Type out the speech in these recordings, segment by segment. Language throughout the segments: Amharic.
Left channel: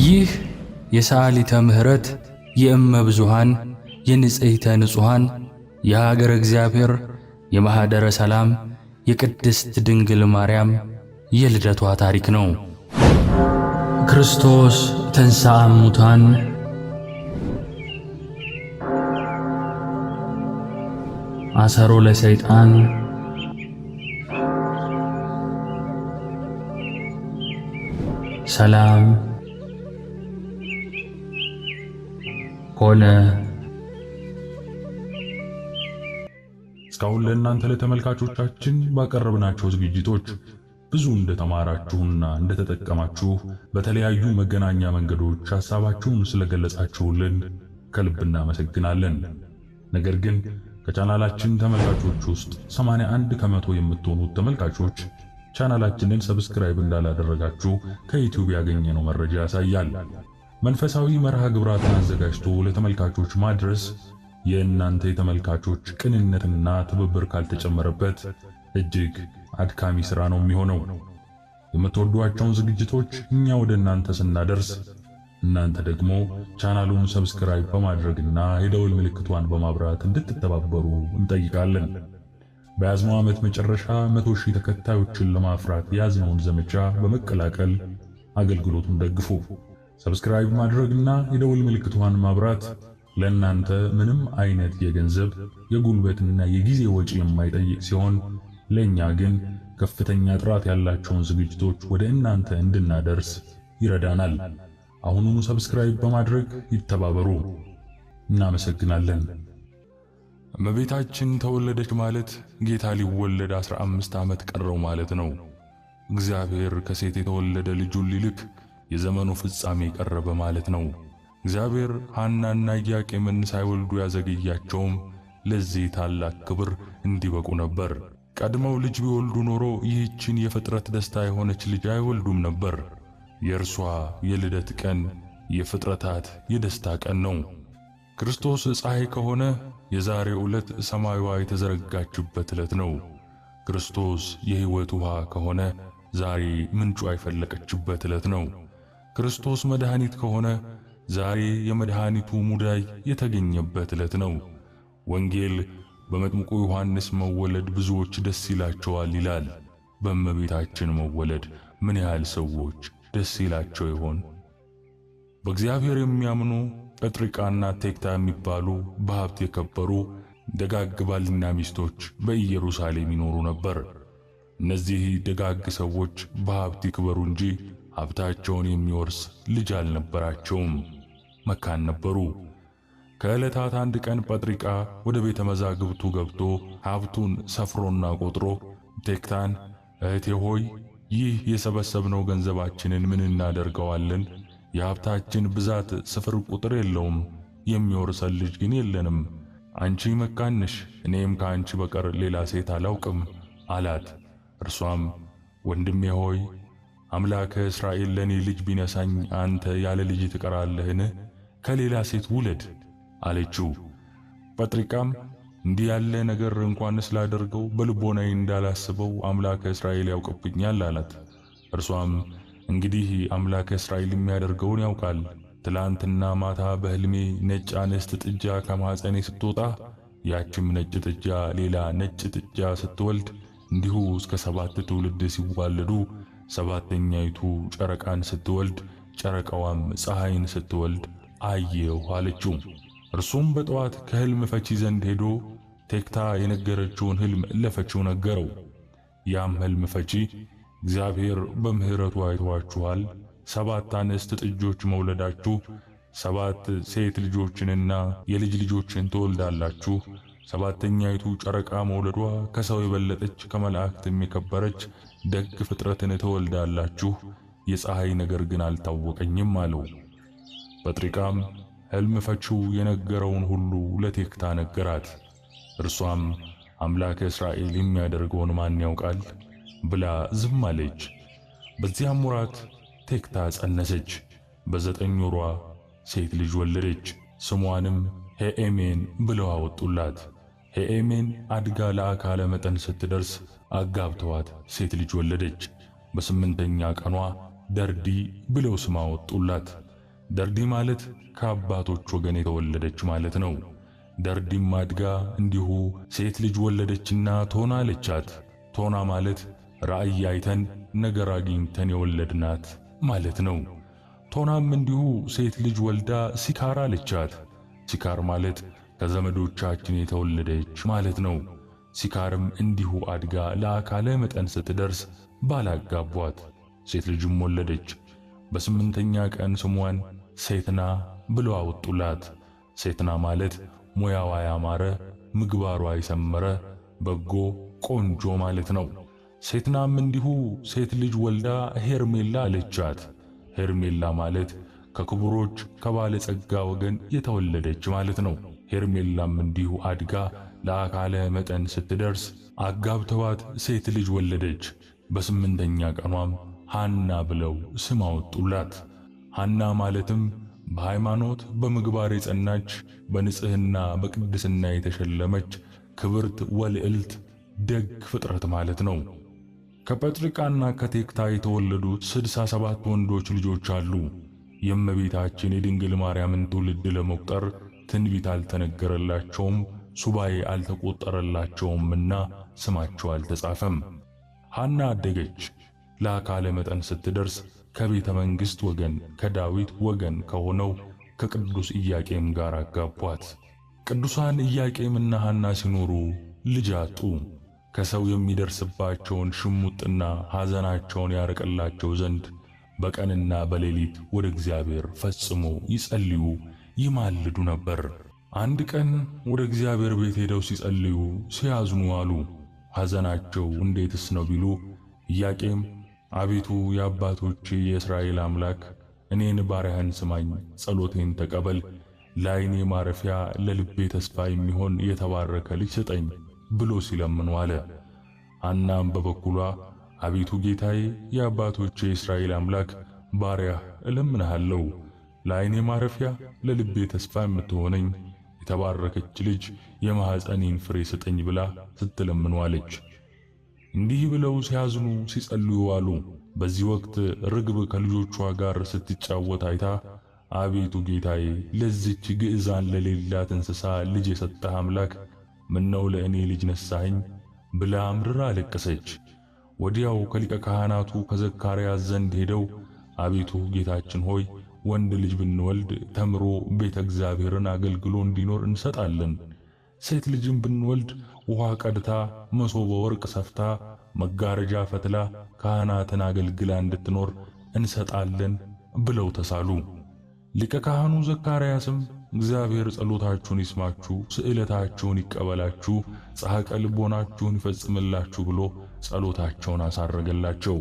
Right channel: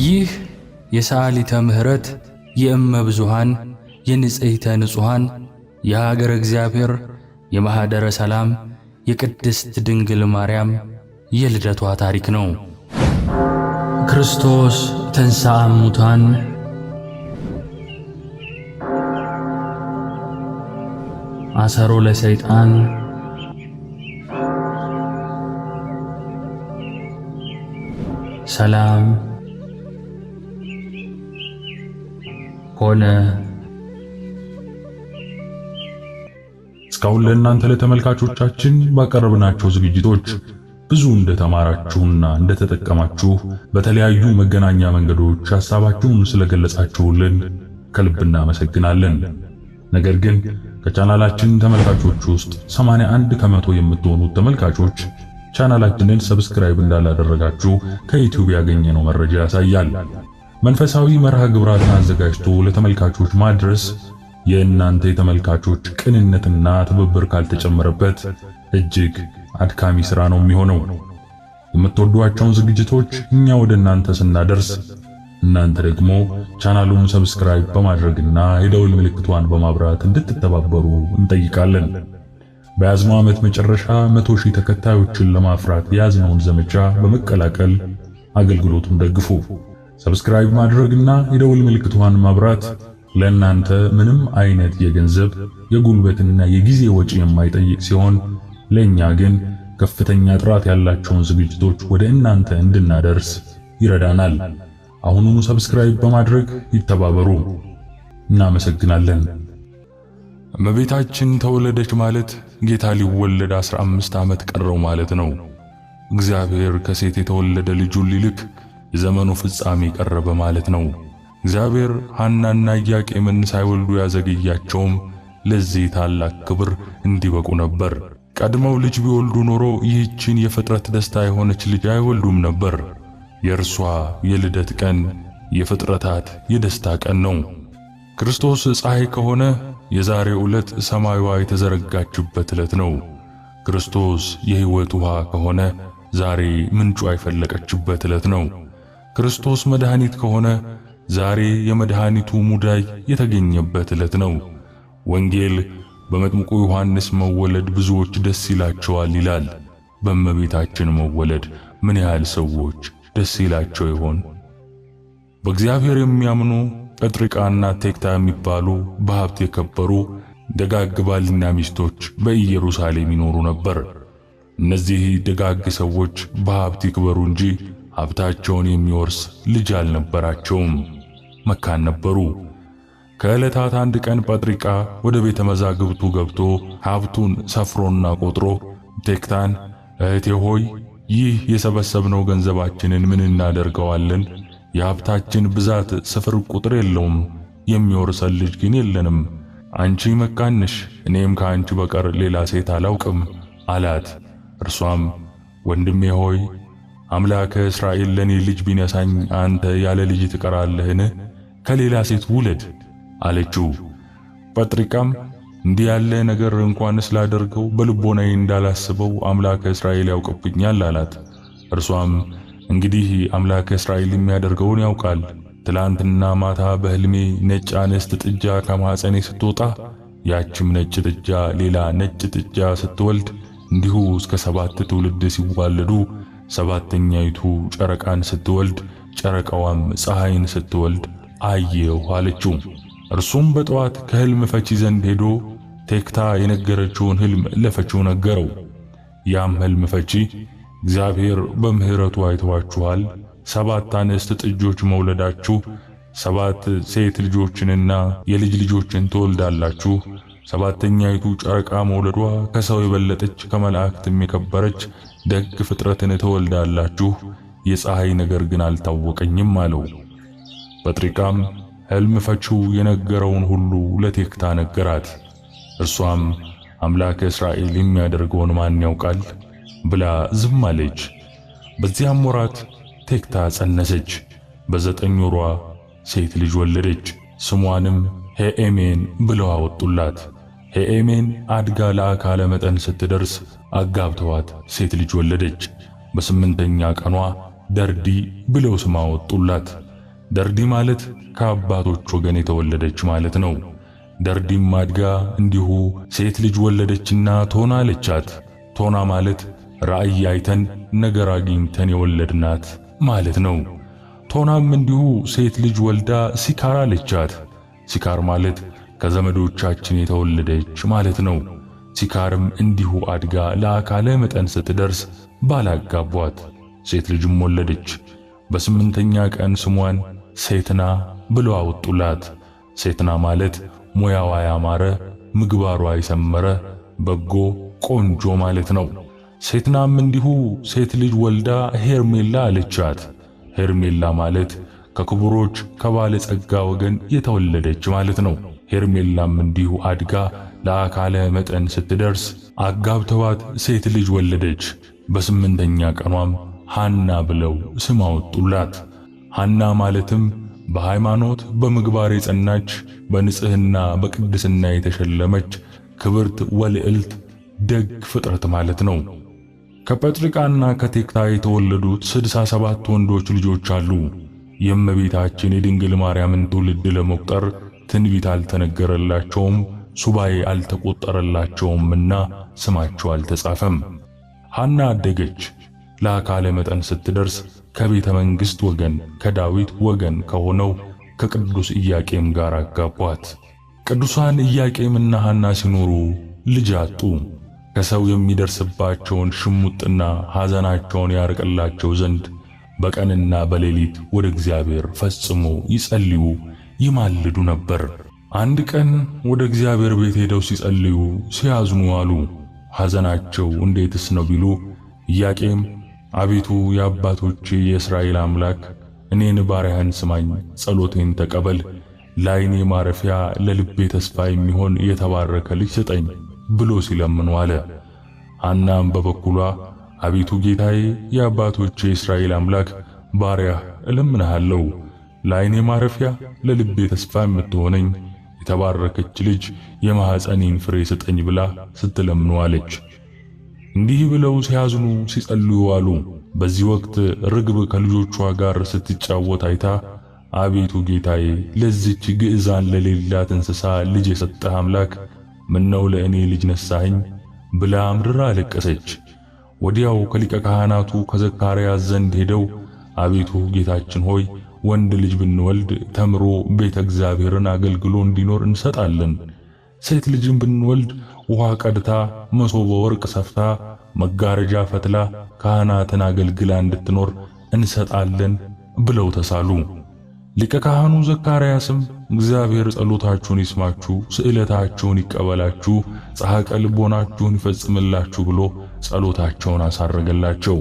ይህ የሰዓሊተ ምሕረት የእመ ብዙኃን የንጽሕተ ንጹሐን የሀገረ እግዚአብሔር የማኅደረ ሰላም የቅድስት ድንግል ማርያም የልደቷ ታሪክ ነው። ክርስቶስ ተንሥአ እሙታን አሰሮ ለሰይጣን ሰላም ሆነ። እስካሁን ለእናንተ ለተመልካቾቻችን ባቀረብናቸው ዝግጅቶች ብዙ እንደተማራችሁና እንደተጠቀማችሁ በተለያዩ መገናኛ መንገዶች ሐሳባችሁን ስለገለጻችሁልን ከልብ እናመሰግናለን። ነገር ግን ከቻናላችን ተመልካቾች ውስጥ 81 ከመቶ የምትሆኑት ተመልካቾች ቻናላችንን ሰብስክራይብ እንዳላደረጋችሁ ከዩቲዩብ ያገኘነው መረጃ ያሳያል። መንፈሳዊ መርሃ ግብራትን አዘጋጅቶ ለተመልካቾች ማድረስ የእናንተ የተመልካቾች ቅንነትና ትብብር ካልተጨመረበት እጅግ አድካሚ ሥራ ነው የሚሆነው። የምትወዷቸውን ዝግጅቶች እኛ ወደ እናንተ ስናደርስ እናንተ ደግሞ ቻናሉን ሰብስክራይብ በማድረግና የደውል ምልክቷን በማብራት እንድትተባበሩ እንጠይቃለን። በያዝነው ዓመት መጨረሻ 100,000 ተከታዮችን ለማፍራት የያዝነውን ዘመቻ በመቀላቀል አገልግሎቱን ደግፉ። ሰብስክራይብ ማድረግና የደውል ምልክቷን ማብራት ለእናንተ ምንም አይነት የገንዘብ የጉልበትና የጊዜ ወጪ የማይጠይቅ ሲሆን ለኛ ግን ከፍተኛ ጥራት ያላቸውን ዝግጅቶች ወደ እናንተ እንድናደርስ ይረዳናል። አሁኑኑ ሰብስክራይብ በማድረግ ይተባበሩ። እናመሰግናለን። እመቤታችን ተወለደች ማለት ጌታ ሊወለድ 15 ዓመት ቀረው ማለት ነው። እግዚአብሔር ከሴት የተወለደ ልጁን ሊልክ የዘመኑ ፍጻሜ ቀረበ ማለት ነው። እግዚአብሔር ሐናና ኢያቄምን ሳይወልዱ ያዘገያቸውም ለዚህ ታላቅ ክብር እንዲበቁ ነበር። ቀድመው ልጅ ቢወልዱ ኖሮ ይህችን የፍጥረት ደስታ የሆነች ልጅ አይወልዱም ነበር። የእርሷ የልደት ቀን የፍጥረታት የደስታ ቀን ነው። ክርስቶስ ፀሐይ ከሆነ የዛሬው ዕለት ሰማይዋ የተዘረጋችበት ዕለት ነው። ክርስቶስ የሕይወት ውሃ ከሆነ ዛሬ ምንጯ የፈለቀችበት ዕለት ነው። ክርስቶስ መድኃኒት ከሆነ ዛሬ የመድኃኒቱ ሙዳይ የተገኘበት ዕለት ነው። ወንጌል በመጥምቁ ዮሐንስ መወለድ ብዙዎች ደስ ይላቸዋል ይላል። በእመቤታችን መወለድ ምን ያህል ሰዎች ደስ ይላቸው ይሆን? በእግዚአብሔር የሚያምኑ ጴጥርቃና ቴክታ የሚባሉ በሀብት የከበሩ ደጋግ ባልና ሚስቶች በኢየሩሳሌም ይኖሩ ነበር። እነዚህ ደጋግ ሰዎች በሀብት ይክበሩ እንጂ ሀብታቸውን የሚወርስ ልጅ አልነበራቸውም። መካን ነበሩ። ከዕለታት አንድ ቀን ጴጥርቃ ወደ ቤተ መዛግብቱ ገብቶ ሀብቱን ሰፍሮና ቆጥሮ ቴክታን፣ እህቴ ሆይ ይህ የሰበሰብነው ገንዘባችንን ምን እናደርገዋለን? የሀብታችን ብዛት ስፍር ቁጥር የለውም፣ የሚወርሰን ልጅ ግን የለንም። አንቺ መካን ነሽ፣ እኔም ከአንቺ በቀር ሌላ ሴት አላውቅም አላት። እርሷም ወንድሜ ሆይ አምላከ እስራኤል ለኔ ልጅ ቢነሳኝ አንተ ያለ ልጅ ትቀራለህን? ከሌላ ሴት ውለድ አለችው። ጴጥርቃም እንዲህ ያለ ነገር እንኳን ስላደርገው በልቦናዬ እንዳላስበው አምላከ እስራኤል ያውቅብኛል አላት። እርሷም እንግዲህ አምላከ እስራኤል የሚያደርገውን ያውቃል። ትላንትና ማታ በሕልሜ ነጭ አንስት ጥጃ ከማኅፀኔ ስትወጣ ያችም ነጭ ጥጃ ሌላ ነጭ ጥጃ ስትወልድ እንዲሁ እስከ 7 ትውልድ ሲዋለዱ ሰባተኛይቱ ጨረቃን ስትወልድ ጨረቃዋም ፀሐይን ስትወልድ አየሁ አለችው። እርሱም በጠዋት ከሕልም ፈቺ ዘንድ ሄዶ ቴክታ የነገረችውን ሕልም ለፈቺው ነገረው። ያም ሕልም ፈቺ እግዚአብሔር በምሕረቱ አይተዋችኋል፣ 7 አንስት ጥጆች መውለዳችሁ 7 ሴት ልጆችንና የልጅ ልጆችን ትወልዳላችሁ። ሰባተኛይቱ ጨረቃ መውለዷ ከሰው የበለጠች ከመላእክትም የከበረች ደግ ፍጥረትን ትወልዳላችሁ። የፀሐይ ነገር ግን አልታወቀኝም አለው። ጴጥርቃም ሕልም ፈቺው የነገረውን ሁሉ ለቴክታ ነገራት። እርሷም አምላከ እስራኤል የሚያደርገውን ማን ያውቃል ብላ ዝም አለች። በዚያም ወራት ቴክታ ጸነሰች። በ9 ወሯ ሴት ልጅ ወለደች። ስሟንም ሄኤሜን ብለው አወጡላት። ሄኤሜን አድጋ ለአካለ መጠን ስትደርስ አጋብተዋት ሴት ልጅ ወለደች። በ8ኛ ቀኗ ደርዲ ብለው ስም አወጡላት። ደርዲ ማለት ከአባቶች ወገን የተወለደች ማለት ነው። ደርዲም አድጋ እንዲሁ ሴት ልጅ ወለደችና ቶና አለቻት። ቶና ማለት ራእይ አይተን ነገር አግኝተን የወለድናት ማለት ነው። ቶናም እንዲሁ ሴት ልጅ ወልዳ ሲካር አለቻት። ሲካር ማለት ከዘመዶቻችን የተወለደች ማለት ነው። ሲካርም እንዲሁ አድጋ ለአካለ መጠን ስትደርስ ባላጋቧት ሴት ልጅም ወለደች። በስምንተኛ ቀን ስሟን ሴትና ብለው አወጡላት። ሴትና ማለት ሙያዋ ያማረ ምግባሯ የሰመረ በጎ ቆንጆ ማለት ነው። ሴትናም እንዲሁ ሴት ልጅ ወልዳ ሄርሜላ አለቻት። ሄርሜላ ማለት ከክቡሮች ከባለጸጋ ወገን የተወለደች ማለት ነው። ሄርሜላም እንዲሁ አድጋ ለአካለ መጠን ስትደርስ አጋብተዋት ሴት ልጅ ወለደች። በስምንተኛ ቀኗም ሃና ብለው ስም አወጡላት። ሃና ማለትም በሃይማኖት በምግባር የጸናች በንጽህና በቅድስና የተሸለመች ክብርት ወልዕልት ደግ ፍጥረት ማለት ነው። ከጰጥርቃና ከቴክታ የተወለዱት 67 ወንዶች ልጆች አሉ። የእመቤታችን የድንግል ማርያምን ትውልድ ለመቁጠር ትንቢት አልተነገረላቸውም፣ ሱባኤ አልተቆጠረላቸውምና ስማቸው አልተጻፈም። ሃና አደገች። ለአካለ መጠን ስትደርስ ከቤተ መንግሥት ወገን ከዳዊት ወገን ከሆነው ከቅዱስ ኢያቄም ጋር አጋቧት። ቅዱሳን ኢያቄምና ሃና ሲኖሩ ልጅ አጡ። ከሰው የሚደርስባቸውን ሽሙጥና ሐዘናቸውን ያርቅላቸው ዘንድ በቀንና በሌሊት ወደ እግዚአብሔር ፈጽሞ ይጸልዩ ይማልዱ ነበር። አንድ ቀን ወደ እግዚአብሔር ቤት ሄደው ሲጸልዩ ሲያዝኑ አሉ። ሐዘናቸው እንዴትስ ነው ቢሉ ኢያቄም አቤቱ የአባቶቼ የእስራኤል አምላክ እኔን ባሪያህን ስማኝ፣ ጸሎቴን ተቀበል፣ ለዓይኔ ማረፊያ ለልቤ ተስፋ የሚሆን የተባረከ ልጅ ስጠኝ ብሎ ሲለምኑ አለ። ሃናም በበኩሏ አቤቱ ጌታዬ የአባቶቼ የእስራኤል አምላክ ባሪያህ እለምንሃለሁ፣ ለዓይኔ ማረፊያ ለልቤ ተስፋ የምትሆነኝ የተባረከች ልጅ የማኅፀኔን ፍሬ ስጠኝ ብላ ስትለምኑ አለች። እንዲህ ብለው ሲያዝኑ ሲጸልዩ አሉ። በዚህ ወቅት ርግብ ከልጆቿ ጋር ስትጫወት አይታ አቤቱ ጌታዬ ለዚች ግዕዛን ለሌላት እንስሳ ልጅ የሰጠህ አምላክ ምነው ለእኔ ልጅ ነሳኸኝ ብላ አምርራ አለቀሰች። ወዲያው ከሊቀ ካህናቱ ከዘካርያስ ዘንድ ሄደው አቤቱ ጌታችን ሆይ ወንድ ልጅ ብንወልድ ተምሮ ቤተ እግዚአብሔርን አገልግሎ እንዲኖር እንሰጣለን፣ ሴት ልጅም ብንወልድ ውሃ ቀድታ መሶበ ወርቅ ሰፍታ መጋረጃ ፈትላ ካህናትን አገልግላ እንድትኖር እንሰጣለን ብለው ተሳሉ። ሊቀ ካህኑ ዘካርያስም እግዚአብሔር ጸሎታችሁን ይስማችሁ፣ ስዕለታችሁን ይቀበላችሁ፣ ጻሕቀ ልቦናችሁን ይፈጽምላችሁ ብሎ ጸሎታቸውን አሳረገላቸው።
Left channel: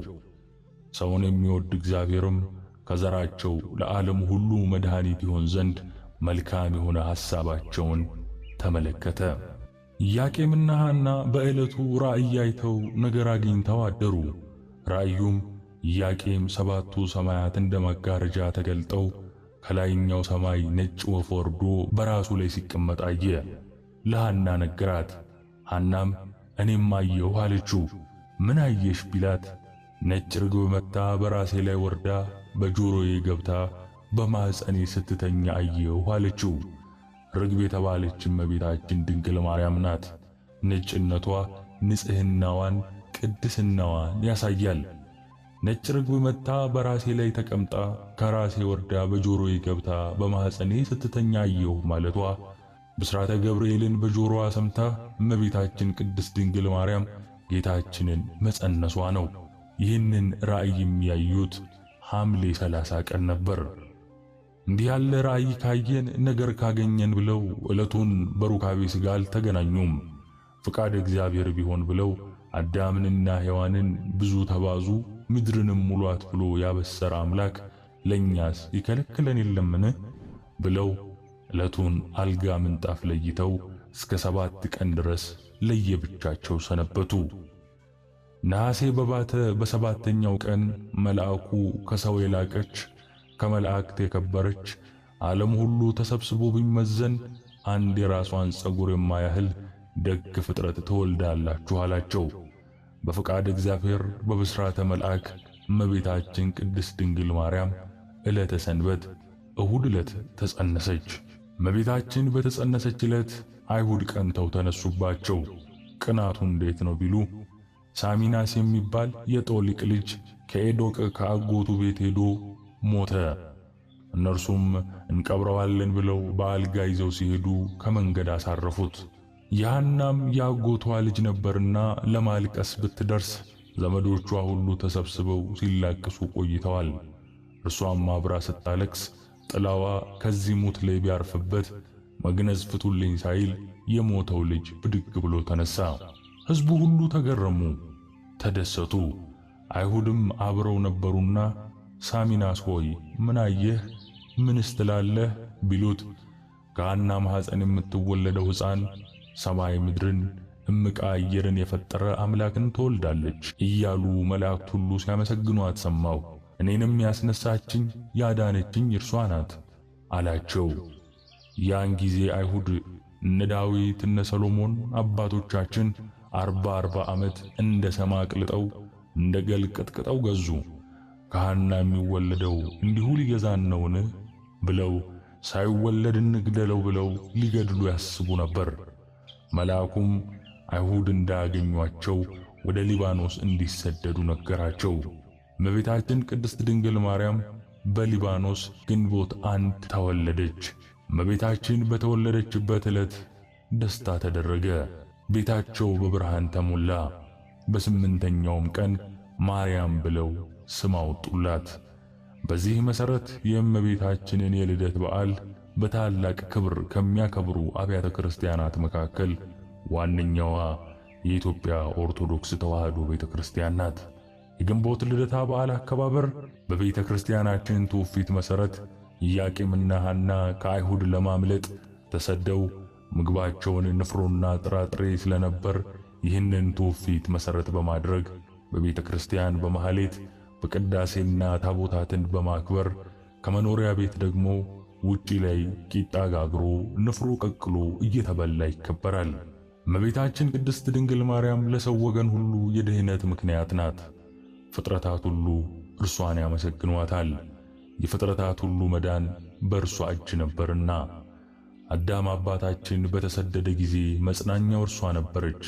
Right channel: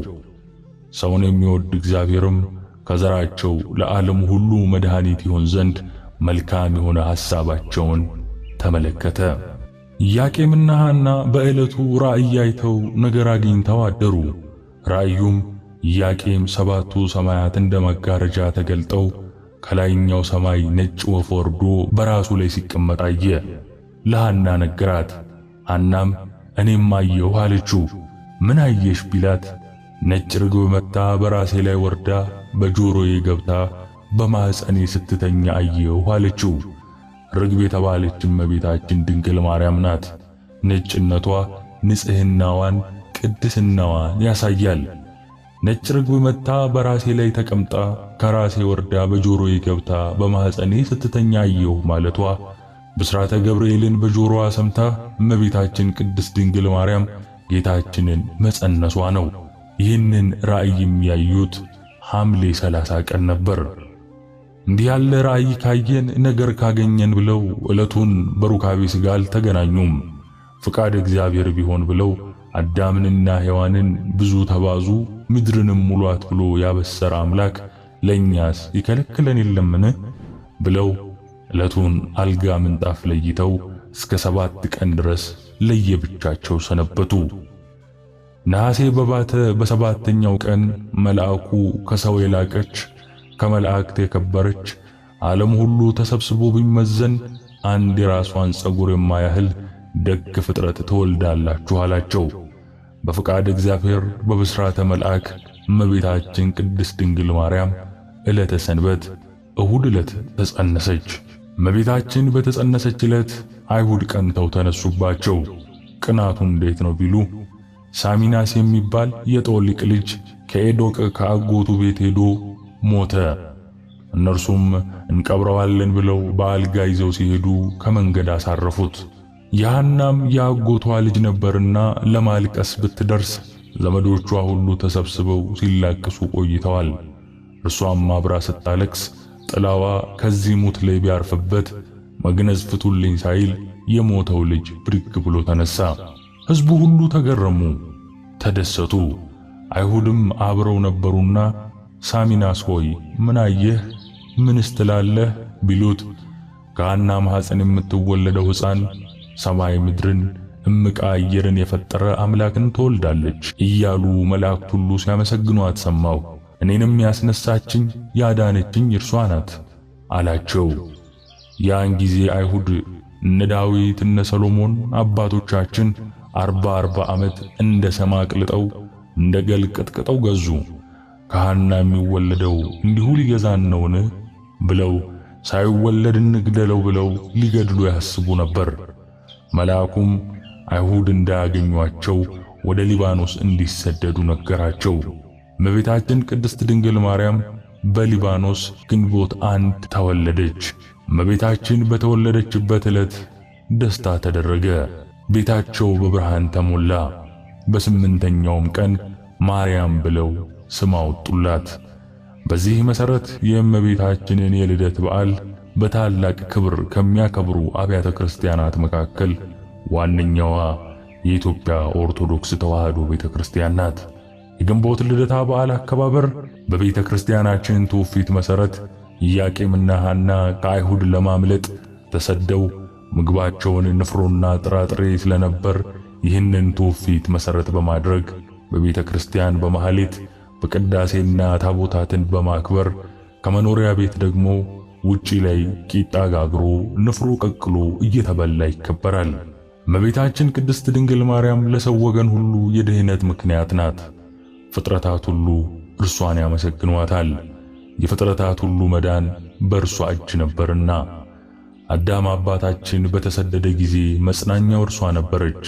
ሰውን የሚወድ እግዚአብሔርም ከዘራቸው ለዓለም ሁሉ መድኃኒት ይሆን ዘንድ መልካም የሆነ ሐሳባቸውን ተመለከተ። ኢያቄምና ሃና በዕለቱ ራእይ አይተው ነገር አግኝተው አደሩ። ራእዩም ኢያቄም 7ቱ ሰማያት እንደ መጋረጃ ተገልጠው ከላይኛው ሰማይ ነጭ ወፍ ወርዶ በራሱ ላይ ሲቀመጥ አየ። ለሃና ነገራት። ሃናም እኔም አየሁ አለችው። ምን አየሽ ቢላት ነጭ ርግብ መጣ በራሴ ላይ ወርዳ በጆሮዬ ገብታ በማኅፀኔ ስትተኛ አየሁ አለችው። ርግብ የተባለች እመቤታችን ድንግል ማርያም ናት። ነጭነቷ ንጽሕናዋን ቅድስናዋን ያሳያል። ነጭ ርግብ መጣ በራሴ ላይ ተቀምጣ ከራሴ ወርዳ በጆሮዬ ገብታ በማኅፀኔ ስትተኛ አየሁ ማለቷ ብስራተ ገብርኤልን በጆሮዋ ሰምታ እመቤታችን ቅድስት ድንግል ማርያም ጌታችንን መጸነሷ ነው። ይህንን ራእይ የሚያዩት ሐምሌ 30 ቀን ነበር። እንዲህ ያለ ራእይ ካየን ነገር ካገኘን ብለው ዕለቱን በሩካቤ ሥጋ አልተገናኙም። ፍቃድ እግዚአብሔር ቢሆን ብለው አዳምንና ሔዋንን ብዙ ተባዙ ምድርንም ሙሏት ብሎ ያበሰረ አምላክ ለእኛስ ይከለክለን የለምን ብለው ዕለቱን አልጋ ምንጣፍ ለይተው እስከ 7 ቀን ድረስ ለየብቻቸው ሰነበቱ። ነሐሴ በባተ በሰባተኛው ቀን መልአኩ ከሰው የላቀች ከመላእክት የከበረች ዓለም ሁሉ ተሰብስቦ ቢመዘን አንድ የራሷን ፀጉር የማያህል ደግ ፍጥረት ትወልዳላችሁ አላቸው። በፍቃድ እግዚአብሔር በብስራተ መልአክ እመቤታችን ቅድስት ድንግል ማርያም ዕለተ ሰንበት እሁድ ዕለት ተጸነሰች። እመቤታችን በተጸነሰች ዕለት አይሁድ ቀንተው ተነሱባቸው። ቅናቱ እንዴት ነው ቢሉ ሳሚናስ የሚባል የጦሊቅ ልጅ ከኤዶቅ ከአጎቱ ቤት ሄዶ ሞተ። እነርሱም እንቀብረዋለን ብለው በአልጋ ይዘው ሲሄዱ ከመንገድ አሳረፉት። ያናም የአጎቷ ልጅ ነበርና ለማልቀስ ብትደርስ ዘመዶቿ ሁሉ ተሰብስበው ሲላቅሱ ቆይተዋል። እርሷም አብራ ስታለቅስ ጥላዋ ከዚህ ሙት ላይ ቢያርፍበት መግነዝ ፍቱልኝ ሳይል የሞተው ልጅ ብድግ ብሎ ተነሳ። ሕዝቡ ሁሉ ተገረሙ፣ ተደሰቱ። አይሁድም አብረው ነበሩና ሳሚናስ ሆይ ምን አየህ? ምንስ ትላለህ? ቢሉት ከሐና ማኅፀን የምትወለደው ሕፃን ሰማይ ምድርን እምቃ አየርን የፈጠረ አምላክን ትወልዳለች እያሉ መላእክት ሁሉ ሲያመሰግኗት ሰማሁ። እኔንም ያስነሳችኝ ያዳነችኝ እርሷ ናት አላቸው። ያን ጊዜ አይሁድ እነ ዳዊት እነ ሰሎሞን አባቶቻችን 40 ዓመት እንደ ሰም አቅልጠው እንደ ገል ቀጥቅጠው ገዙ። ከሐና የሚወለደው እንዲሁ ሊገዛን ነውን? ብለው ሳይወለድ እንግደለው ብለው ሊገድሉ ያስቡ ነበር። መልአኩም አይሁድ እንዳያገኟቸው ወደ ሊባኖስ እንዲሰደዱ ነገራቸው። እመቤታችን ቅድስት ድንግል ማርያም በሊባኖስ ግንቦት 1 ተወለደች። እመቤታችን በተወለደችበት ዕለት ደስታ ተደረገ። ቤታቸው በብርሃን ተሞላ። በስምንተኛውም ቀን ማርያም ብለው ስም አወጡላት። በዚህ መሠረት የእመቤታችንን የልደት በዓል በታላቅ ክብር ከሚያከብሩ አብያተ ክርስቲያናት መካከል ዋነኛዋ የኢትዮጵያ ኦርቶዶክስ ተዋሕዶ ቤተክርስቲያን ናት። የግንቦት ልደታ በዓል አከባበር በቤተ ክርስቲያናችን ትውፊት መሠረት ኢያቄምና ሐና ከአይሁድ ለማምለጥ ተሰደው ምግባቸውን ንፍሮና ጥራጥሬ ስለነበር ይህንን ትውፊት መሠረት በማድረግ በቤተ ክርስቲያን በማህሌት በቅዳሴና ታቦታትን በማክበር ከመኖሪያ ቤት ደግሞ ውጪ ላይ ቂጣ ጋግሮ ንፍሮ ቀቅሎ እየተበላ ይከበራል። እመቤታችን ቅድስት ድንግል ማርያም ለሰው ወገን ሁሉ የድኅነት ምክንያት ናት። ፍጥረታት ሁሉ እርሷን ያመሰግኗታል። የፍጥረታት ሁሉ መዳን በእርሷ እጅ ነበርና። አዳም አባታችን በተሰደደ ጊዜ መጽናኛው እርሷ ነበረች።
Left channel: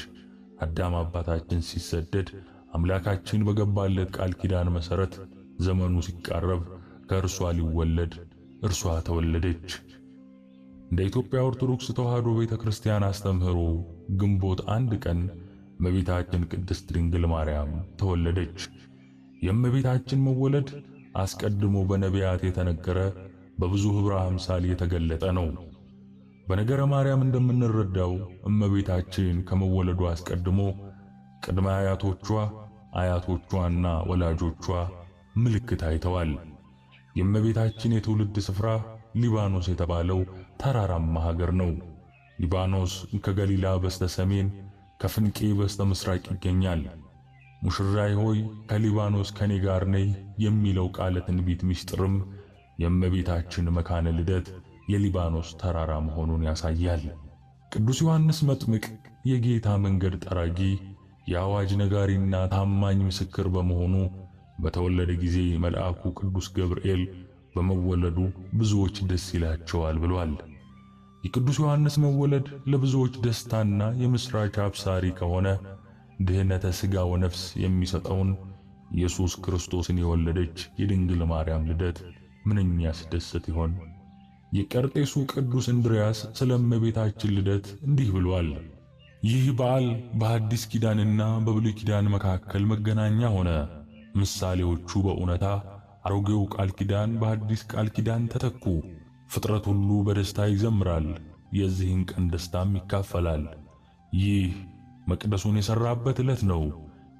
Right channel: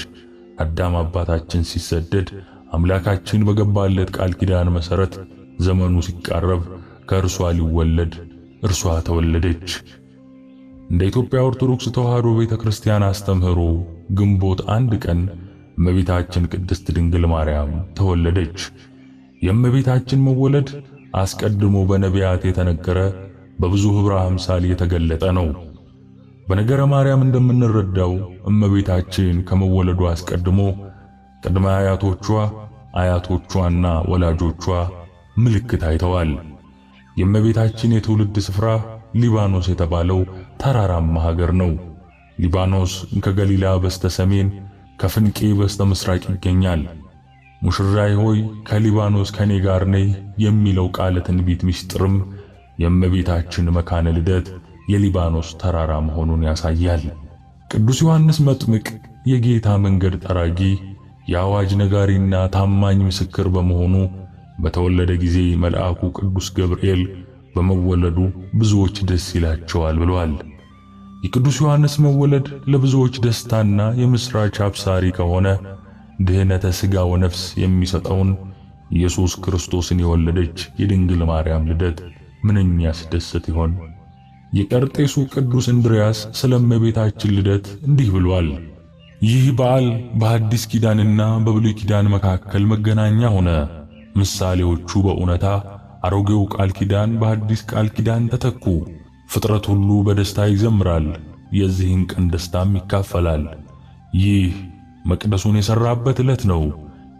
አዳም አባታችን ሲሰደድ አምላካችን በገባለት ቃል ኪዳን መሠረት ዘመኑ ሲቃረብ ከእርሷ ሊወለድ እርሷ ተወለደች። እንደ ኢትዮጵያ ኦርቶዶክስ ተዋሕዶ ቤተክርስቲያን አስተምህሮ ግንቦት 1 ቀን እመቤታችን ቅድስት ድንግል ማርያም ተወለደች። የእመቤታችን መወለድ አስቀድሞ በነቢያት የተነገረ በብዙ ኅብረ አምሳል የተገለጠ ነው። በነገረ ማርያም እንደምንረዳው እመቤታችን ከመወለዷ አስቀድሞ ቅድመ አያቶቿ፣ አያቶቿና ወላጆቿ ምልክት አይተዋል። የእመቤታችን የትውልድ ስፍራ ሊባኖስ የተባለው ተራራማ ሀገር ነው። ሊባኖስ ከገሊላ በስተ ሰሜን ከፍንቄ በስተ ምስራቅ ይገኛል። ሙሽራዬ ሆይ ከሊባኖስ ከኔ ጋር ነይ የሚለው ቃለ ትንቢት ምስጢርም የእመቤታችን መካነ ልደት የሊባኖስ ተራራ መሆኑን ያሳያል። ቅዱስ ዮሐንስ መጥምቅ የጌታ መንገድ ጠራጊ የአዋጅ ነጋሪና ታማኝ ምስክር በመሆኑ በተወለደ ጊዜ መልአኩ ቅዱስ ገብርኤል በመወለዱ ብዙዎች ደስ ይላቸዋል ብሏል። የቅዱስ ዮሐንስ መወለድ ለብዙዎች ደስታና የምስራች አብሳሪ ከሆነ ድኅነተ ሥጋ ወነፍስ የሚሰጠውን ኢየሱስ ክርስቶስን የወለደች የድንግል ማርያም ልደት ምንኛ ያስደስት ይሆን? የቀርጤሱ ቅዱስ እንድርያስ ስለ እመቤታችን ልደት እንዲህ ብሏል። ይህ በዓል በሐዲስ ኪዳንና በብሉይ ኪዳን መካከል መገናኛ ሆነ። ምሳሌዎቹ በእውነታ አሮጌው ቃል ኪዳን በሐዲስ ቃል ኪዳን ተተኩ። ፍጥረት ሁሉ በደስታ ይዘምራል፣ የዚህን ቀን ደስታም ይካፈላል። ይህ መቅደሱን የሠራበት ዕለት ነው።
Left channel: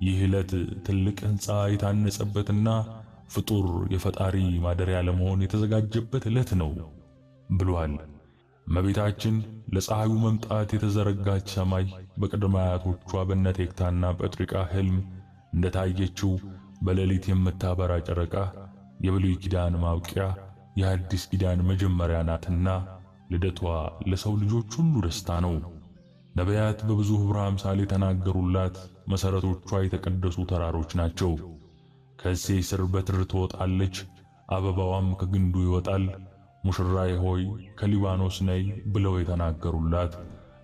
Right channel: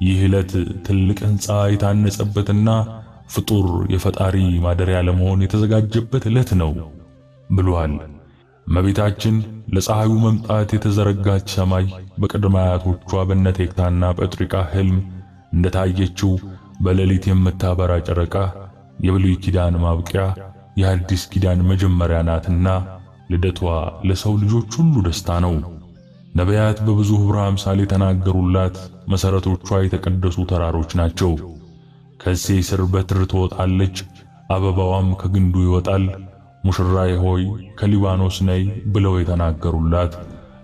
ይህ ዕለት ትልቅ ሕንፃ የታነጸበትና ፍጡር የፈጣሪ ማደሪያ ለመሆን የተዘጋጀበት ዕለት ነው ብሏል። እመቤታችን ለፀሐዩ መምጣት የተዘረጋች ሰማይ በቅድመ አያቶቿ በነ ቴክታና ጴጥሪቃ ሕልም እንደታየችው በሌሊት የምታበራ ጨረቃ የብሉይ ኪዳን ማብቂያ የሐዲስ ኪዳን መጀመሪያ ናትና ልደቷ ለሰው ልጆች ሁሉ ደስታ ነው። ነቢያት በብዙ ኅብረ አምሳል የተናገሩላት መሠረቶቿ የተቀደሱ ተራሮች ናቸው። ከእሴይ ስር በትር ትወጣለች፣ አበባዋም ከግንዱ ይወጣል፣ ሙሽራዬ ሆይ ከሊባኖስ ነይ ብለው የተናገሩላት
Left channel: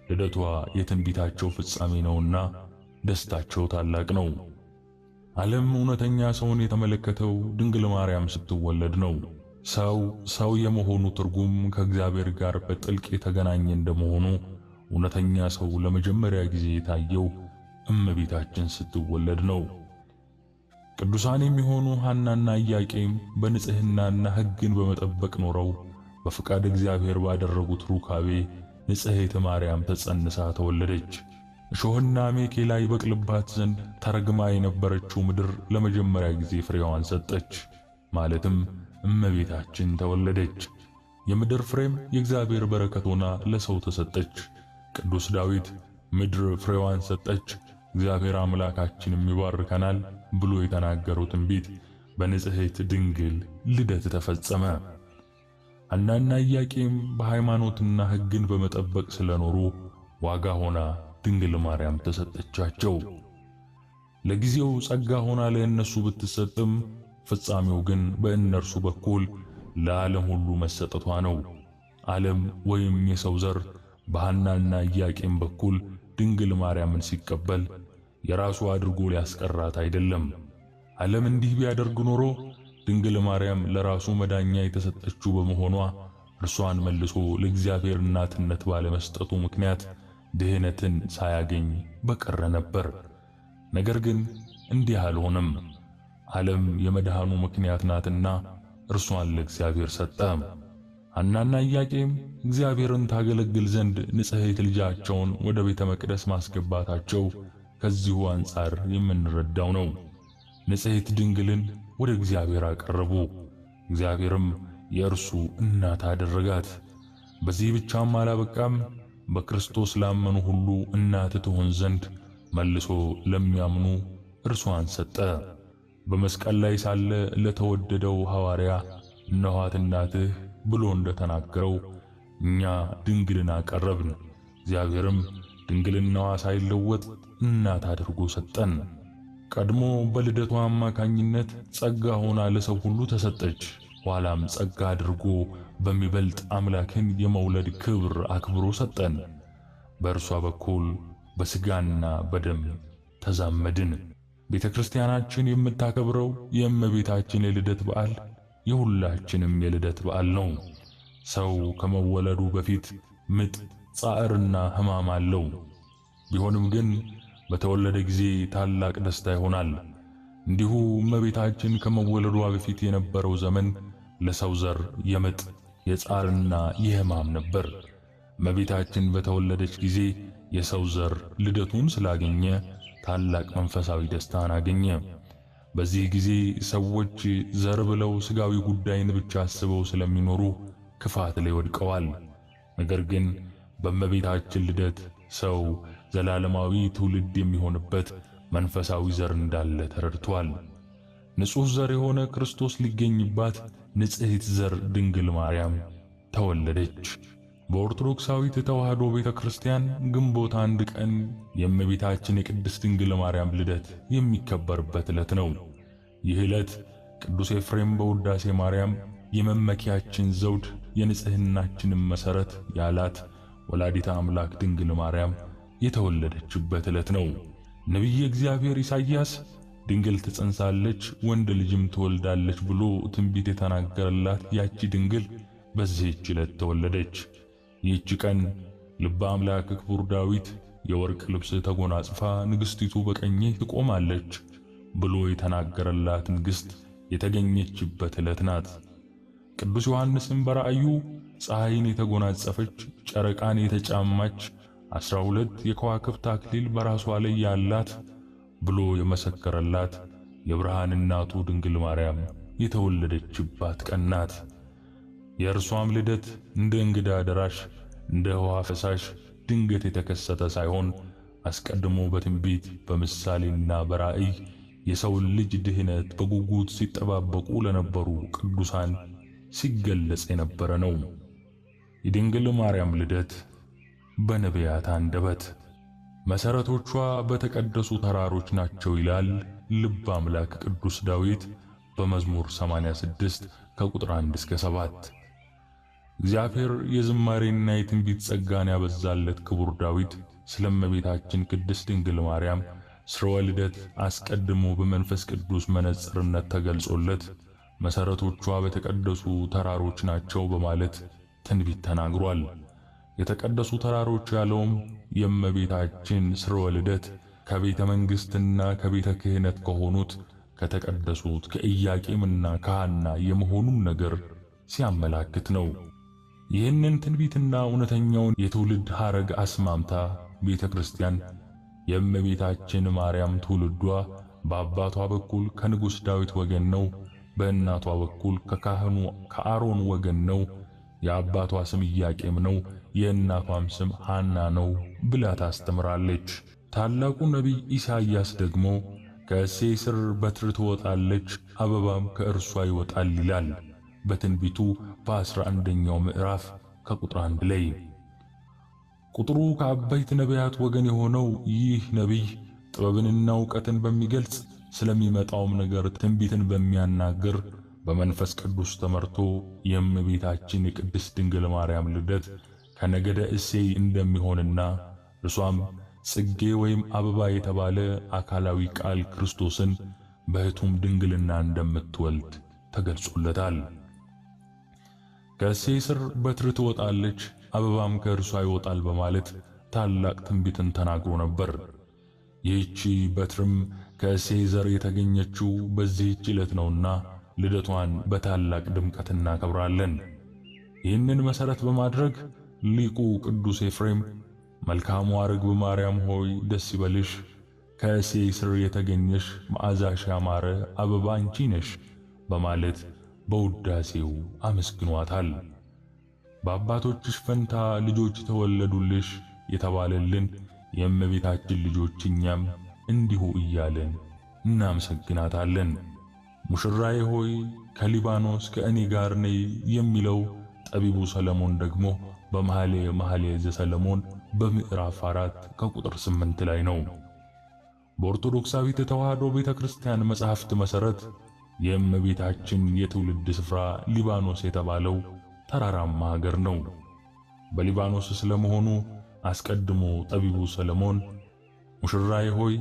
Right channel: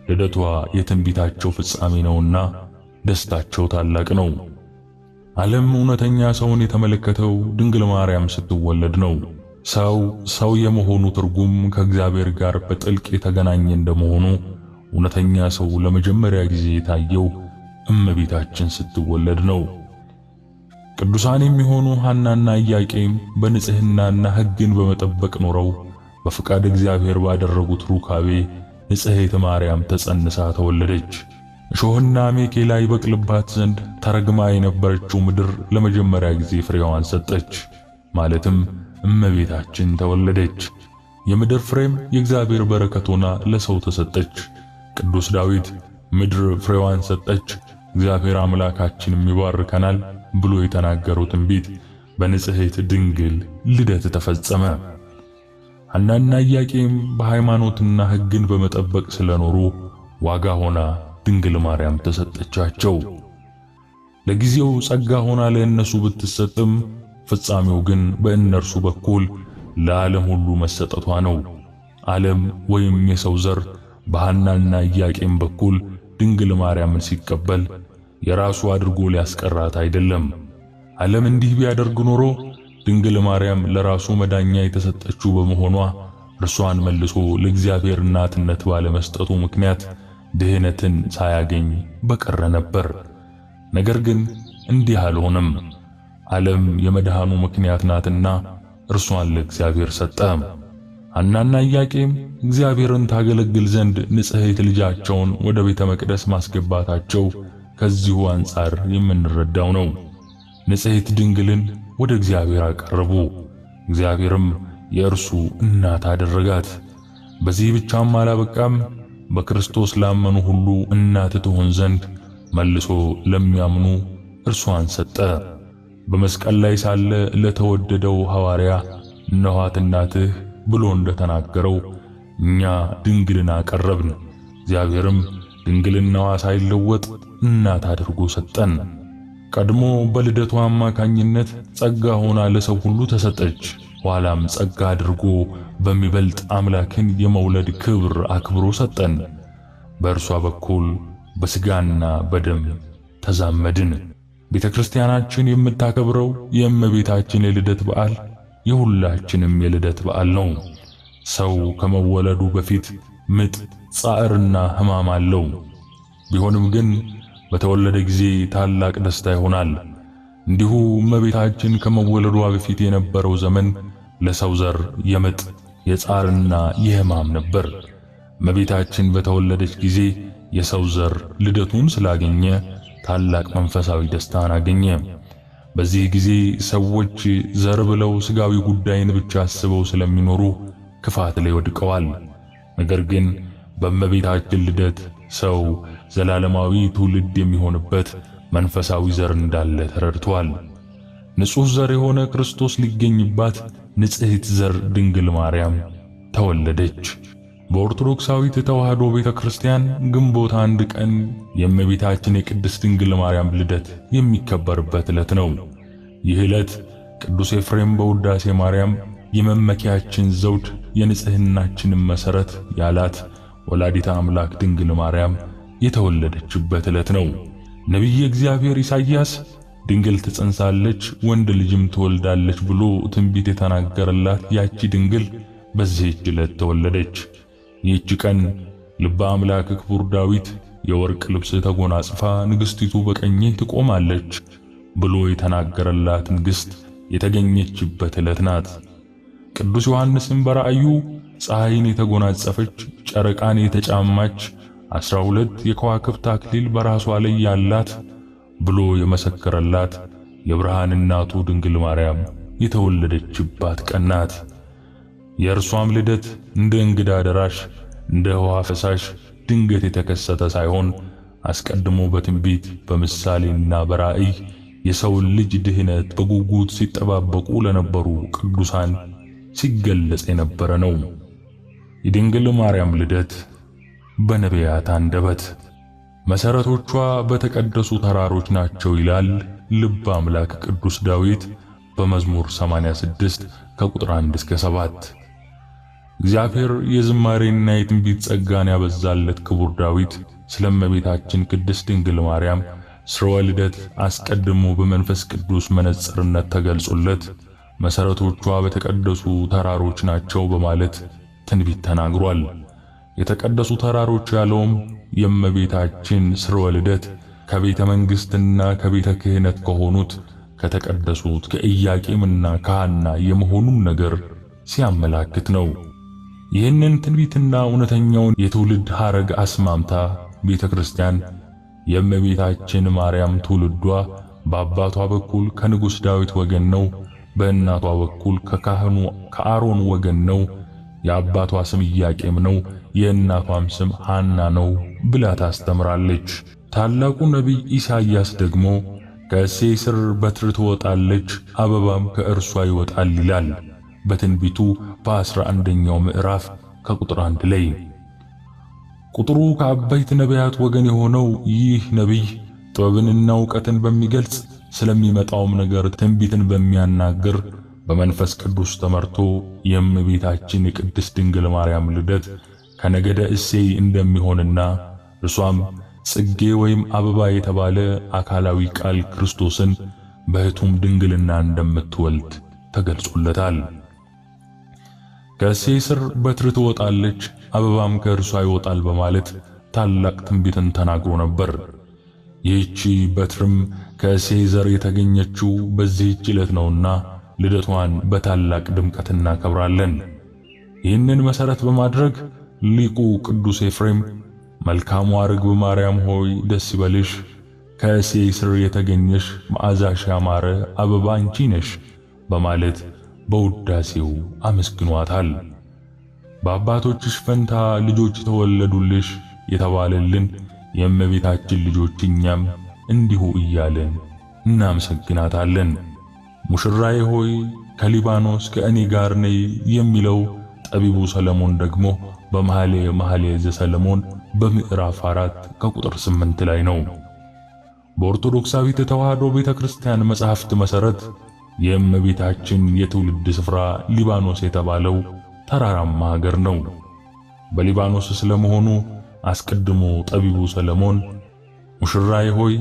ልደቷ የትንቢታቸው ፍጻሜ ነውና ደስታቸው ታላቅ ነው። ዓለም እውነተኛ ሰውን የተመለከተው ድንግል ማርያም ስትወለድ ነው። ሰው የመሆኑ ትርጉም ከእግዚአብሔር ጋር በጥልቅ የተገናኘ እንደመሆኑ እውነተኛ ሰው ለመጀመሪያ ጊዜ የታየው እመቤታችን ስትወለድ ነው። ቅዱሳን የሚሆኑ ሐናና ኢያቄም በንጽህናና ሕግን በመጠበቅ ኖረው በፍቃድ እግዚአብሔር ባደረጉት ሩካቤ ንጽሕት ማርያም ተጸንሳ ተወለደች። እሾህና አሜኬላ ይበቅልባት ዘንድ ተረግማ የነበረችው ምድር ለመጀመሪያ ጊዜ ፍሬዋን ሰጠች። ማለትም እመቤታችን ተወለደች። የምድር ፍሬም የእግዚአብሔር በረከት ሆና ለሰው ተሰጠች። ቅዱስ ዳዊት ምድር ፍሬዋን ሰጠች፣ እግዚአብሔር አምላካችንም ይባርከናል ብሎ የተናገረው ትንቢት በንጽሕት ድንግል ልደት ተፈጸመ። ሐናና ኢያቄም በሃይማኖትና ሕግን በመጠበቅ ስለኖሩ ዋጋ ሆና ድንግል ማርያም ተሰጠቻቸው። ለጊዜው ጸጋ ሆና ለእነሱ ብትሰጥም ፍጻሜው ግን በእነርሱ በኩል ለዓለም ሁሉ መሰጠቷ ነው። ዓለም ወይም የሰው ዘር በሐናና ኢያቄም በኩል ድንግል ማርያምን ሲቀበል የራሱ አድርጎ ሊያስቀራት አይደለም። ዓለም እንዲህ ቢያደርግ ኖሮ ድንግል ማርያም ለራሱ መዳኛ የተሰጠችው በመሆኗ እርሷን መልሶ ለእግዚአብሔር እናትነት ባለመስጠቱ ምክንያት ድህነትን ሳያገኝ በቀረ ነበር። ነገር ግን እንዲህ አልሆነም። ዓለም የመድኃኑ ምክንያት ናትና እርሷን ለእግዚአብሔር ሰጠ። ሐናና ኢያቄም እግዚአብሔርን ታገለግል ዘንድ ንጽሕት ልጃቸውን ወደ ቤተ መቅደስ ማስገባታቸው ከዚሁ አንጻር የምንረዳው ነው። ንጽሕት ድንግልን ወደ እግዚአብሔር አቀረቡ፣ እግዚአብሔርም የእርሱ እናት አደረጋት። በዚህ ብቻም አላበቃም። በክርስቶስ ላመኑ ሁሉ እናት ትሆን ዘንድ መልሶ ለሚያምኑ እርሷን ሰጠ። በመስቀል ላይ ሳለ ለተወደደው ሐዋርያ እነኋት እናትህ ብሎ እንደተናገረው እኛ ድንግልን አቀረብን፣ እግዚአብሔርም ድንግልናዋ ሳይለወጥ እናት አድርጎ ሰጠን። ቀድሞ በልደቷ አማካኝነት ጸጋ ሆና ለሰው ሁሉ ተሰጠች። ኋላም ጸጋ አድርጎ በሚበልጥ አምላክን የመውለድ ክብር አክብሮ ሰጠን። በእርሷ በኩል በሥጋና በደም ተዛመድን። ቤተ ክርስቲያናችን የምታከብረው የእመቤታችን የልደት በዓል የሁላችንም የልደት በዓል ነው። ሰው ከመወለዱ በፊት ምጥ፣ ጻዕርና ሕማም አለው። ቢሆንም ግን በተወለደ ጊዜ ታላቅ ደስታ ይሆናል። እንዲሁ እመቤታችን ከመወለዷ በፊት የነበረው ዘመን ለሰው ዘር የምጥ፣ የጻርና የሕማም ነበር። እመቤታችን በተወለደች ጊዜ የሰው ዘር ልደቱን ስላገኘ ታላቅ መንፈሳዊ ደስታን አገኘ። በዚህ ጊዜ ሰዎች ዘር ብለው ሥጋዊ ጉዳይን ብቻ አስበው ስለሚኖሩ ክፋት ላይ ወድቀዋል። ነገር ግን በእመቤታችን ልደት ሰው ዘላለማዊ ትውልድ የሚሆንበት መንፈሳዊ ዘር እንዳለ ተረድቷል። ንጹሕ ዘር የሆነ ክርስቶስ ሊገኝባት ንጽሕት ዘር ድንግል ማርያም ተወለደች። በኦርቶዶክሳዊት ተዋሕዶ ቤተክርስቲያን ግንቦት 1 ቀን የእመቤታችን የቅድስት ድንግል ማርያም ልደት የሚከበርበት ዕለት ነው። ይህ ዕለት ቅዱስ ኤፍሬም በውዳሴ ማርያም የመመኪያችን ዘውድ የንጽሕናችንን መሠረት ያላት ወላዲተ አምላክ ድንግል ማርያም የተወለደችበት ዕለት ነው። ነቢየ እግዚአብሔር ኢሳይያስ ድንግል ትጸንሳለች ወንድ ልጅም ትወልዳለች ብሎ ትንቢት የተናገረላት ያቺ ድንግል በዚህች ዕለት ተወለደች። ይህች ቀን ልበ አምላክ ክቡር ዳዊት የወርቅ ልብስ ተጎናጽፋ ንግሥቲቱ በቀኜ ትቆማለች ብሎ የተናገረላት ንግሥት የተገኘችበት ዕለት ናት። ቅዱስ ዮሐንስም በራእዩ ፀሐይን የተጎናጸፈች ጨረቃን የተጫማች 12 የከዋክብት አክሊል በራሷ ላይ ያላት ብሎ የመሰከረላት የብርሃን እናቱ ድንግል ማርያም የተወለደችባት ቀን ናት። የእርሷም ልደት እንደ እንግዳ ደራሽ እንደ ውሃ ፈሳሽ ድንገት የተከሰተ ሳይሆን አስቀድሞ በትንቢት በምሳሌና በራእይ የሰውን ልጅ ድህነት በጉጉት ሲጠባበቁ ለነበሩ ቅዱሳን ሲገለጽ የነበረ ነው። የድንግል ማርያም ልደት በነቢያት አንደበት መሰረቶቿ በተቀደሱ ተራሮች ናቸው ይላል ልበ አምላክ ቅዱስ ዳዊት በመዝሙር 86 ከቁጥር 1 እስከ 7። እግዚአብሔር የዝማሬና የትንቢት ጸጋን ያበዛለት ክቡር ዳዊት ስለ እመቤታችን ቅድስት ድንግል ማርያም ስርወ ልደት አስቀድሞ በመንፈስ ቅዱስ መነጽርነት ተገልጾለት መሰረቶቿ በተቀደሱ ተራሮች ናቸው በማለት ትንቢት ተናግሯል። የተቀደሱ ተራሮች ያለውም የእመቤታችን ስርወ ልደት ከቤተ መንግሥትና ከቤተ ክህነት ከሆኑት ከተቀደሱት ከኢያቄምና ከሐና የመሆኑን ነገር ሲያመላክት ነው። ይህንን ትንቢትና እውነተኛውን የትውልድ ሐረግ አስማምታ ቤተ ክርስቲያን የእመቤታችን ማርያም ትውልዷ በአባቷ በኩል ከንጉሥ ዳዊት ወገን ነው፣ በእናቷ በኩል ከካህኑ ከአሮን ወገን ነው፣ የአባቷ ስም ኢያቄም ነው፣ የእናቷም ስም ሐና ነው ብላ ታስተምራለች። ታላቁ ነቢይ ኢሳይያስ ደግሞ ከእሴይ ሥር በትር ትወጣለች፣ አበባም ከእርሷ ይወጣል ይላል በትንቢቱ በ11ኛው ምዕራፍ ከቁጥር 1 ላይ። ቁጥሩ ከአበይት ነቢያት ወገን የሆነው ይህ ነቢይ ጥበብንና ዕውቀትን በሚገልጽ ስለሚመጣውም ነገር ትንቢትን በሚያናግር በመንፈስ ቅዱስ ተመርቶ የእመቤታችን የቅድስት ድንግል ማርያም ልደት ከነገደ እሴይ እንደሚሆንና እርሷም ጽጌ ወይም አበባ የተባለ አካላዊ ቃል ክርስቶስን በሕቱም ድንግልና እንደምትወልድ ተገልጾለታል። ከእሴይ ሥር በትር ትወጣለች፣ አበባም ከእርሷ ይወጣል በማለት ታላቅ ትንቢትን ተናግሮ ነበር። ይህቺ በትርም ከእሴይ ዘር የተገኘችው በዚህች ዕለት ነውና ልደቷን በታላቅ ድምቀት እናከብራለን። ይህንን መሠረት በማድረግ ሊቁ ቅዱስ ኤፍሬም መልካሟ ርግብ ማርያም ሆይ ደስ ይበልሽ፣ ከእሴይ ሥር የተገኘሽ መዓዛሽ ያማረ አበባ አንቺ ነሽ በማለት በውዳሴው አመስግኗታል። በአባቶችሽ ፈንታ ልጆች ተወለዱልሽ የተባለልን የእመቤታችን ልጆች እኛም እንዲሁ እያልን እናመሰግናታለን። ሙሽራዬ ሆይ ከሊባኖስ ከእኔ ጋር ነይ የሚለው ጠቢቡ ሰለሞን ደግሞ በመኃልየ ዘሰሎሞን በምዕራፍ 4 ከቁጥር 8 ላይ ነው። በኦርቶዶክሳዊት ተዋሕዶ ቤተክርስቲያን መጻሕፍት መሠረት የእመቤታችን የትውልድ ስፍራ ሊባኖስ የተባለው ተራራማ ሀገር ነው። በሊባኖስ ስለመሆኑ አስቀድሞ ጠቢቡ ሰለሞን ሙሽራዬ ሆይ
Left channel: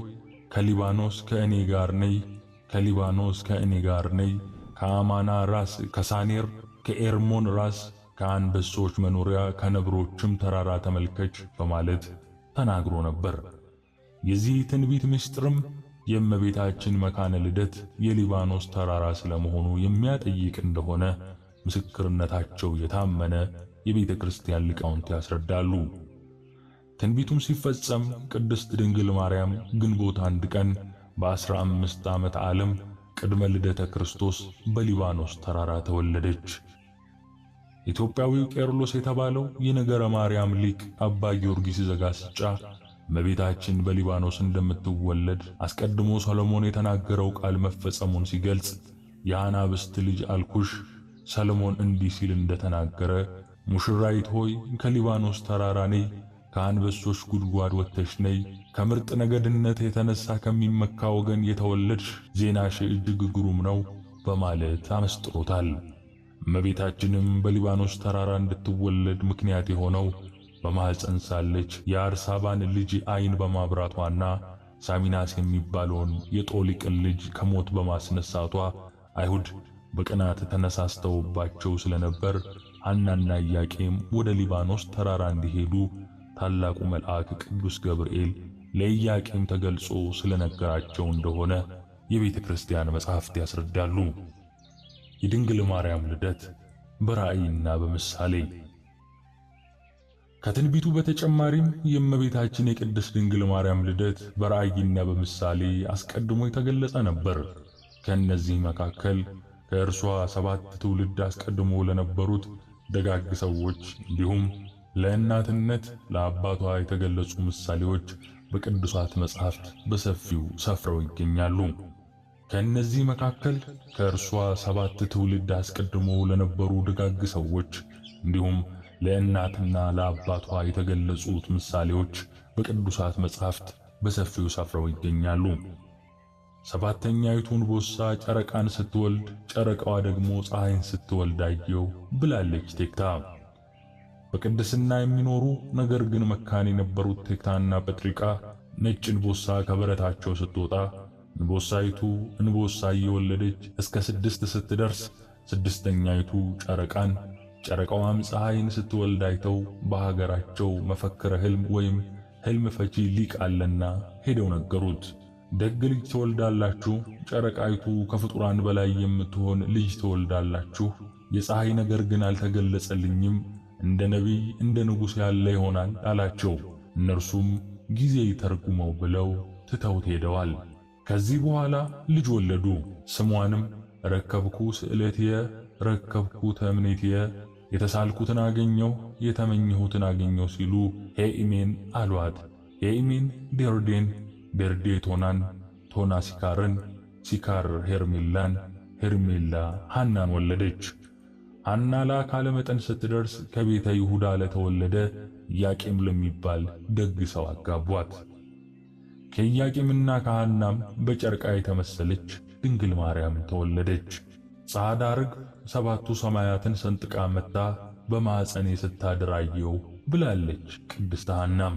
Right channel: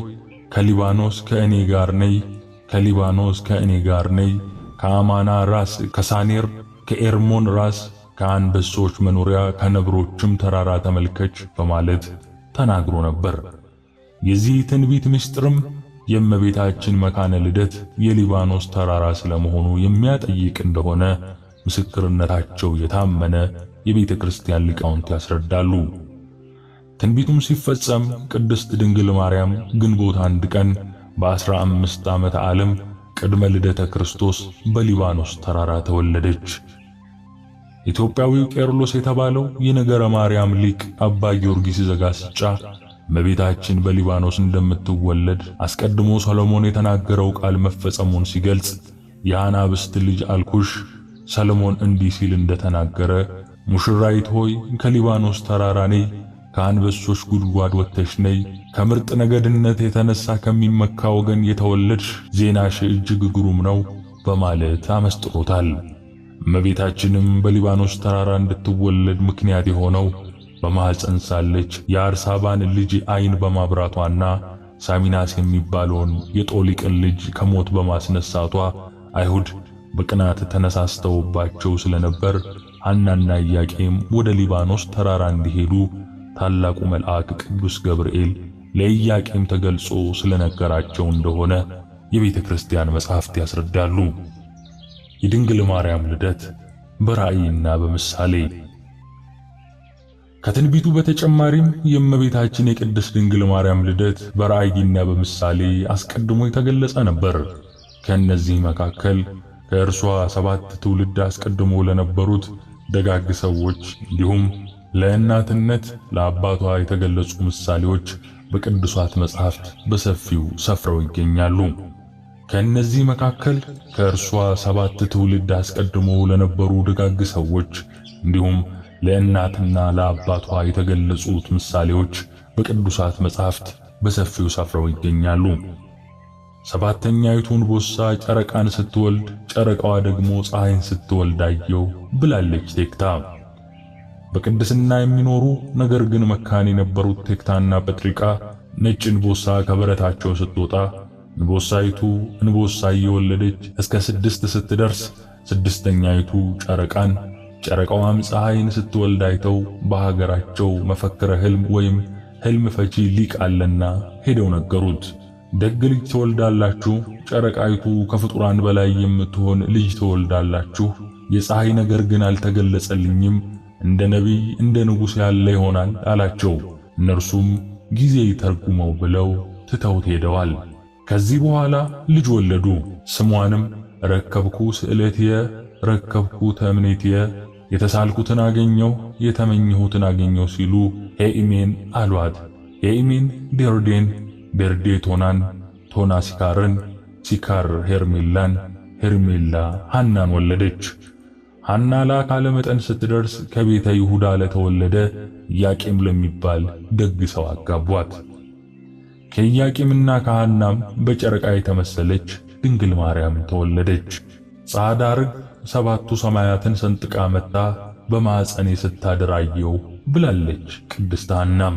ከሊባኖስ ከእኔ ጋር ነይ፣ ከሊባኖስ ከእኔ ጋር ነይ፣ ከአማና ራስ ከሳኔር ከኤርሞን ራስ ከአንበሶች መኖሪያ ከነብሮችም ተራራ ተመልከች በማለት ተናግሮ ነበር። የዚህ ትንቢት ምስጢርም የእመቤታችን መካነ ልደት የሊባኖስ ተራራ ስለመሆኑ የሚያጠይቅ እንደሆነ ምስክርነታቸው የታመነ የቤተ ክርስቲያን ሊቃውንት ያስረዳሉ። ትንቢቱም ሲፈጸም ቅድስት ድንግል ማርያም ግንቦት 1 ቀን በ15 ዓመተ ዓለም ቅድመ ልደተ ክርስቶስ በሊባኖስ ተራራ ተወለደች። ኢትዮጵያዊው ቄርሎስ የተባለው የነገረ ማርያም ሊቅ አባ ጊዮርጊስ ዘጋስጫ እመቤታችን በሊባኖስ እንደምትወለድ አስቀድሞ ሰሎሞን የተናገረው ቃል መፈጸሙን ሲገልጽ የአናብስት ልጅ አልኩሽ፣ ሰሎሞን እንዲህ ሲል እንደተናገረ ሙሽራይት ሆይ ከሊባኖስ ተራራ ነይ፣ ከአንበሶች ጉድጓድ ወጥተሽ ነይ፣ ከምርጥ ነገድነት የተነሳ ከሚመካ ወገን የተወለድሽ ዜናሽ እጅግ ግሩም ነው በማለት አመስጥሮታል። እመቤታችንም በሊባኖስ ተራራ እንድትወለድ ምክንያት የሆነው በማኅፀን ሳለች የአርሳባን ልጅ ዓይን በማብራቷና ሳሚናስ የሚባለውን የጦሊቅን ልጅ ከሞት በማስነሳቷ አይሁድ በቅናት ተነሳስተውባቸው ስለነበር ሐናና ኢያቄም ወደ ሊባኖስ ተራራ እንዲሄዱ ታላቁ መልአክ ቅዱስ ገብርኤል ለኢያቄም ተገልጾ ስለነገራቸው እንደሆነ የቤተ ክርስቲያን መጻሕፍት ያስረዳሉ። የድንግል ማርያም ልደት በራእይና በምሳሌ። ከትንቢቱ በተጨማሪም የእመቤታችን የቅድስት ድንግል ማርያም ልደት በራእይና በምሳሌ አስቀድሞ የተገለጸ ነበር። ከእነዚህ መካከል ከእርሷ 7 ትውልድ አስቀድሞ ለነበሩት ደጋግ ሰዎች እንዲሁም ለእናትነት ለአባቷ የተገለጹ ምሳሌዎች በቅዱሳት መጻሕፍት በሰፊው ሰፍረው ይገኛሉ። ከእነዚህ መካከል ከእርሷ 7 ትውልድ አስቀድሞ ለነበሩ ደጋግ ሰዎች እንዲሁም ለእናትና ለአባቷ የተገለጹት ምሳሌዎች በቅዱሳት መጻሕፍት በሰፊው ሰፍረው ይገኛሉ። ሰባተኛይቱ እንቦሳ ጨረቃን ስትወልድ ጨረቃዋ ደግሞ ፀሐይን ስትወልድ አየው ብላለች ቴክታ። በቅድስና የሚኖሩ ነገር ግን መካን የነበሩት ቴክታና ጴጥሪቃ ነጭ እንቦሳ ከበረታቸው ስትወጣ እንቦሳይቱ እንቦሳ እየወለደች እስከ 6 ስትደርስ ስድስተኛይቱ ጨረቃን ጨረቃዋም ፀሐይን ስትወልድ አይተው በሀገራቸው መፈክረ ሕልም ወይም ሕልም ፈቺ ሊቅ አለና ሄደው ነገሩት። ደግ ልጅ ትወልዳላችሁ፣ ጨረቃይቱ ከፍጡራን በላይ የምትሆን ልጅ ትወልዳላችሁ። የፀሐይ ነገር ግን አልተገለጸልኝም፣ እንደ ነቢይ እንደ ንጉሥ ያለ ይሆናል አላቸው። እነርሱም ጊዜ ይተርጉመው ብለው ትተውት ሄደዋል። ከዚህ በኋላ ልጅ ወለዱ። ስሟንም ረከብኩ ስዕለትየ ረከብኩ ተምኔትየ፣ የተሳልኩትን አገኘሁ የተመኘሁትን አገኘሁ ሲሉ ኤኢሜን አሏት። ኤኢሜን ቤርዴን፣ ቤርዴ ቶናን፣ ቶና ሲካርን፣ ሲካር ሄርሜላን፣ ሄርሜላ ሐናን ወለደች። ሐና ለአካለ መጠን ስትደርስ ከቤተ ይሁዳ ለተወለደ ኢያቄም ለሚባል ደግ ሰው አጋቧት። ከኢያቄምና ከሐናም በጨረቃ የተመሰለች ድንግል ማርያም ተወለደች። ጻዕዳ ርግብ 7ቱ ሰማያትን ሰንጥቃ መጣ በማኅፀኔ ስታድር አየሁ ብላለች ቅድስት ሐናም።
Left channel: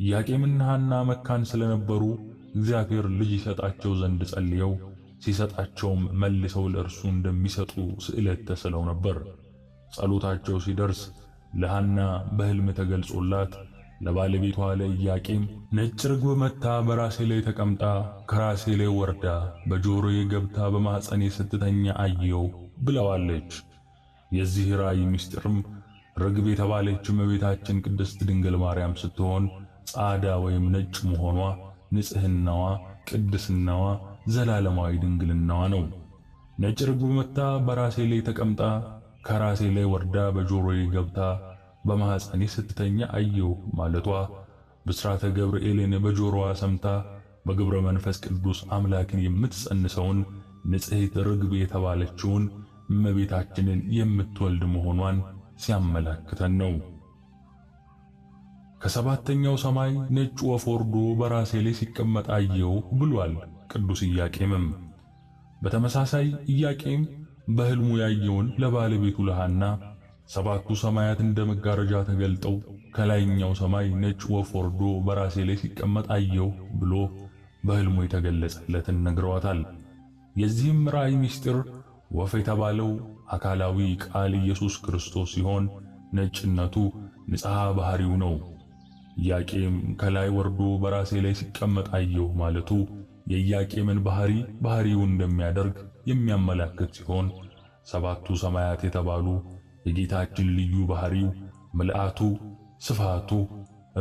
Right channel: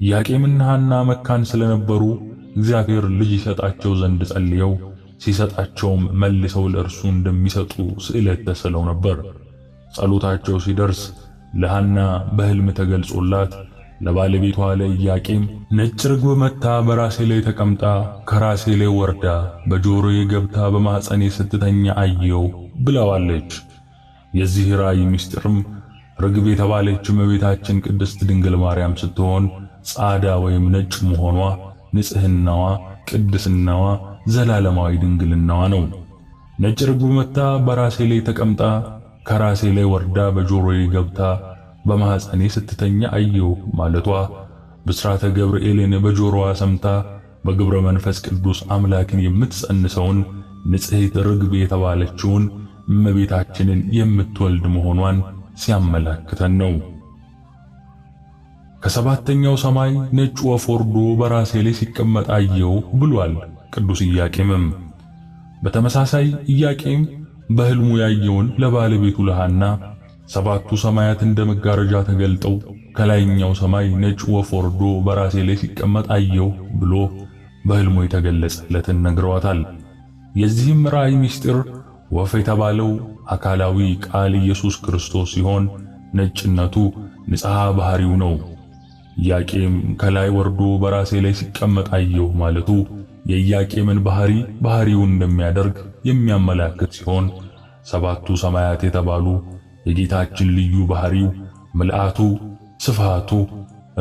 ኢያቄምና ሐና መካን ስለነበሩ እግዚአብሔር ልጅ ይሰጣቸው ዘንድ ጸልየው ሲሰጣቸውም መልሰው ለእርሱ እንደሚሰጡ ስዕለት ተስለው ነበር። ጸሎታቸው ሲደርስ ለሐና በሕልም ተገልጾላት ለባለቤቷ ለኢያቄም ነጭ ርግብ መጥታ በራሴ ላይ ተቀምጣ ከራሴ ላይ ወርዳ በጆሮዬ ገብታ በማኅፀኔ ስትተኛ አየው ብለዋለች። የዚህ ራእይ ምስጢርም ርግብ የተባለች እመቤታችን ቅድስት ድንግል ማርያም ስትሆን ጻዕዳ ወይም ነጭ መሆኗ ንጽሕናዋ፣ ቅድስናዋ፣ ዘላለማዊ ድንግልናዋ ነው። ነጭ ርግብ መጥታ በራሴ ላይ ተቀምጣ ከራሴ ላይ ወርዳ በጆሮዬ ገብታ በማኅፀኔ ስትተኛ አየው ማለቷ ብስራተ ገብርኤልን በጆሮዋ ሰምታ በግብረ መንፈስ ቅዱስ አምላክን የምትጸንሰውን ንጽሕት ርግብ የተባለችውን እመቤታችንን የምትወልድ መሆኗን ሲያመላክተን ነው። ከሰባተኛው ሰማይ ነጭ ወፍ ወርዶ በራሴ ላይ ሲቀመጥ አየው ብሏል ቅዱስ ኢያቄምም። በተመሳሳይ ኢያቄም በሕልሙ ያየውን ለባለቤቱ ለሐና 7ቱ ሰማያት እንደ መጋረጃ ተገልጠው ከላይኛው ሰማይ ነጭ ወፍ ወርዶ በራሴ ላይ ሲቀመጥ አየው ብሎ በሕልሙ የተገለጸለትን ነግረዋታል። የዚህም ራእይ ምስጢር ወፍ የተባለው አካላዊ ቃል ኢየሱስ ክርስቶስ ሲሆን ነጭነቱ ንጽሐ ባህሪው ነው። ኢያቄም ከላይ ወርዶ በራሴ ላይ ሲቀመጥ አየው ማለቱ የኢያቄምን ባህሪውን እንደሚያደርግ የሚያመላክት ሲሆን 7ቱ ሰማያት የተባሉ የጌታችን ልዩ ባህሪው ምልአቱ፣ ስፋቱ፣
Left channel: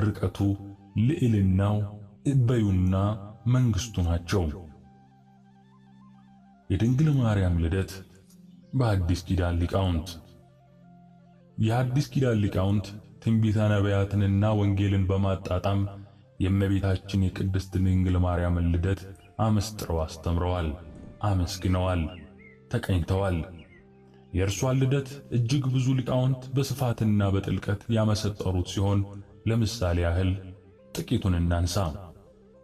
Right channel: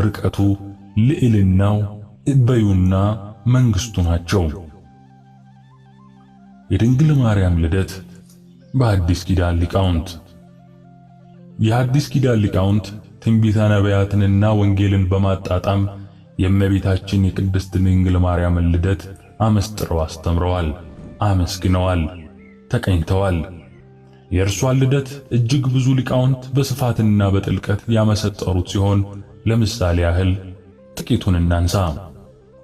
ርቀቱ፣ ልዕልናው፣ እበዩና መንግስቱ ናቸው። የድንግል ማርያም ልደት በአዲስ ኪዳን ሊቃውንት። የአዲስ ኪዳን ሊቃውንት ትንቢተ ነቢያትንና ወንጌልን በማጣጣም የእመቤታችን የቅድስት ድንግል ማርያምን ልደት አመስጥረው አስተምረዋል፣ አመስግነዋል፣ ተቀኝተዋል። የእርሷን ልደት እጅግ ብዙ ሊቃውንት በስፋትና በጥልቀት ያመሰጠሩት ሲሆን ለምሳሌ ያህል ጥቂቱን እናንሳ።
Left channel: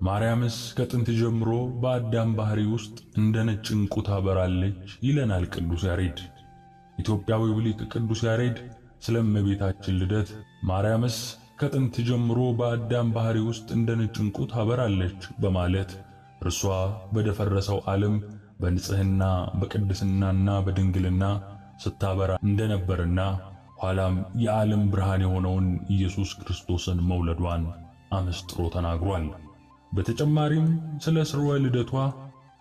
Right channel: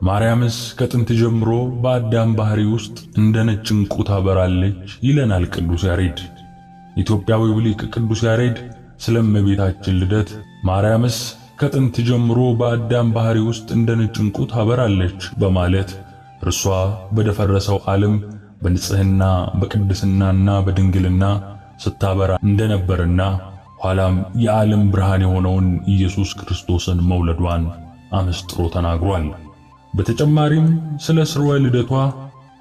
ማርያምስ ከጥንት ጀምሮ በአዳም ባህሪ ውስጥ እንደ ነጭ ዕንቁ ታበራለች ይለናል ቅዱስ ያሬድ። ኢትዮጵያዊው ሊቅ ቅዱስ ያሬድ ስለ እመቤታችን ልደት ማርያምስ ከጥንት ጀምሮ በአዳም ባህሪ ውስጥ እንደ ነጭ ዕንቁ ታበራለች በማለት እርሷ በደፈረሰው ዓለም በንጽህና በቅድስናና በድንግልና ስታበራ እንደነበርና ኋላም የዓለም ብርሃን የሆነውን ኢየሱስ ክርስቶስን መውለዷን አመስጥሮ ተናግሯል። በተጨማሪም ስለ ስርወ ልደቷ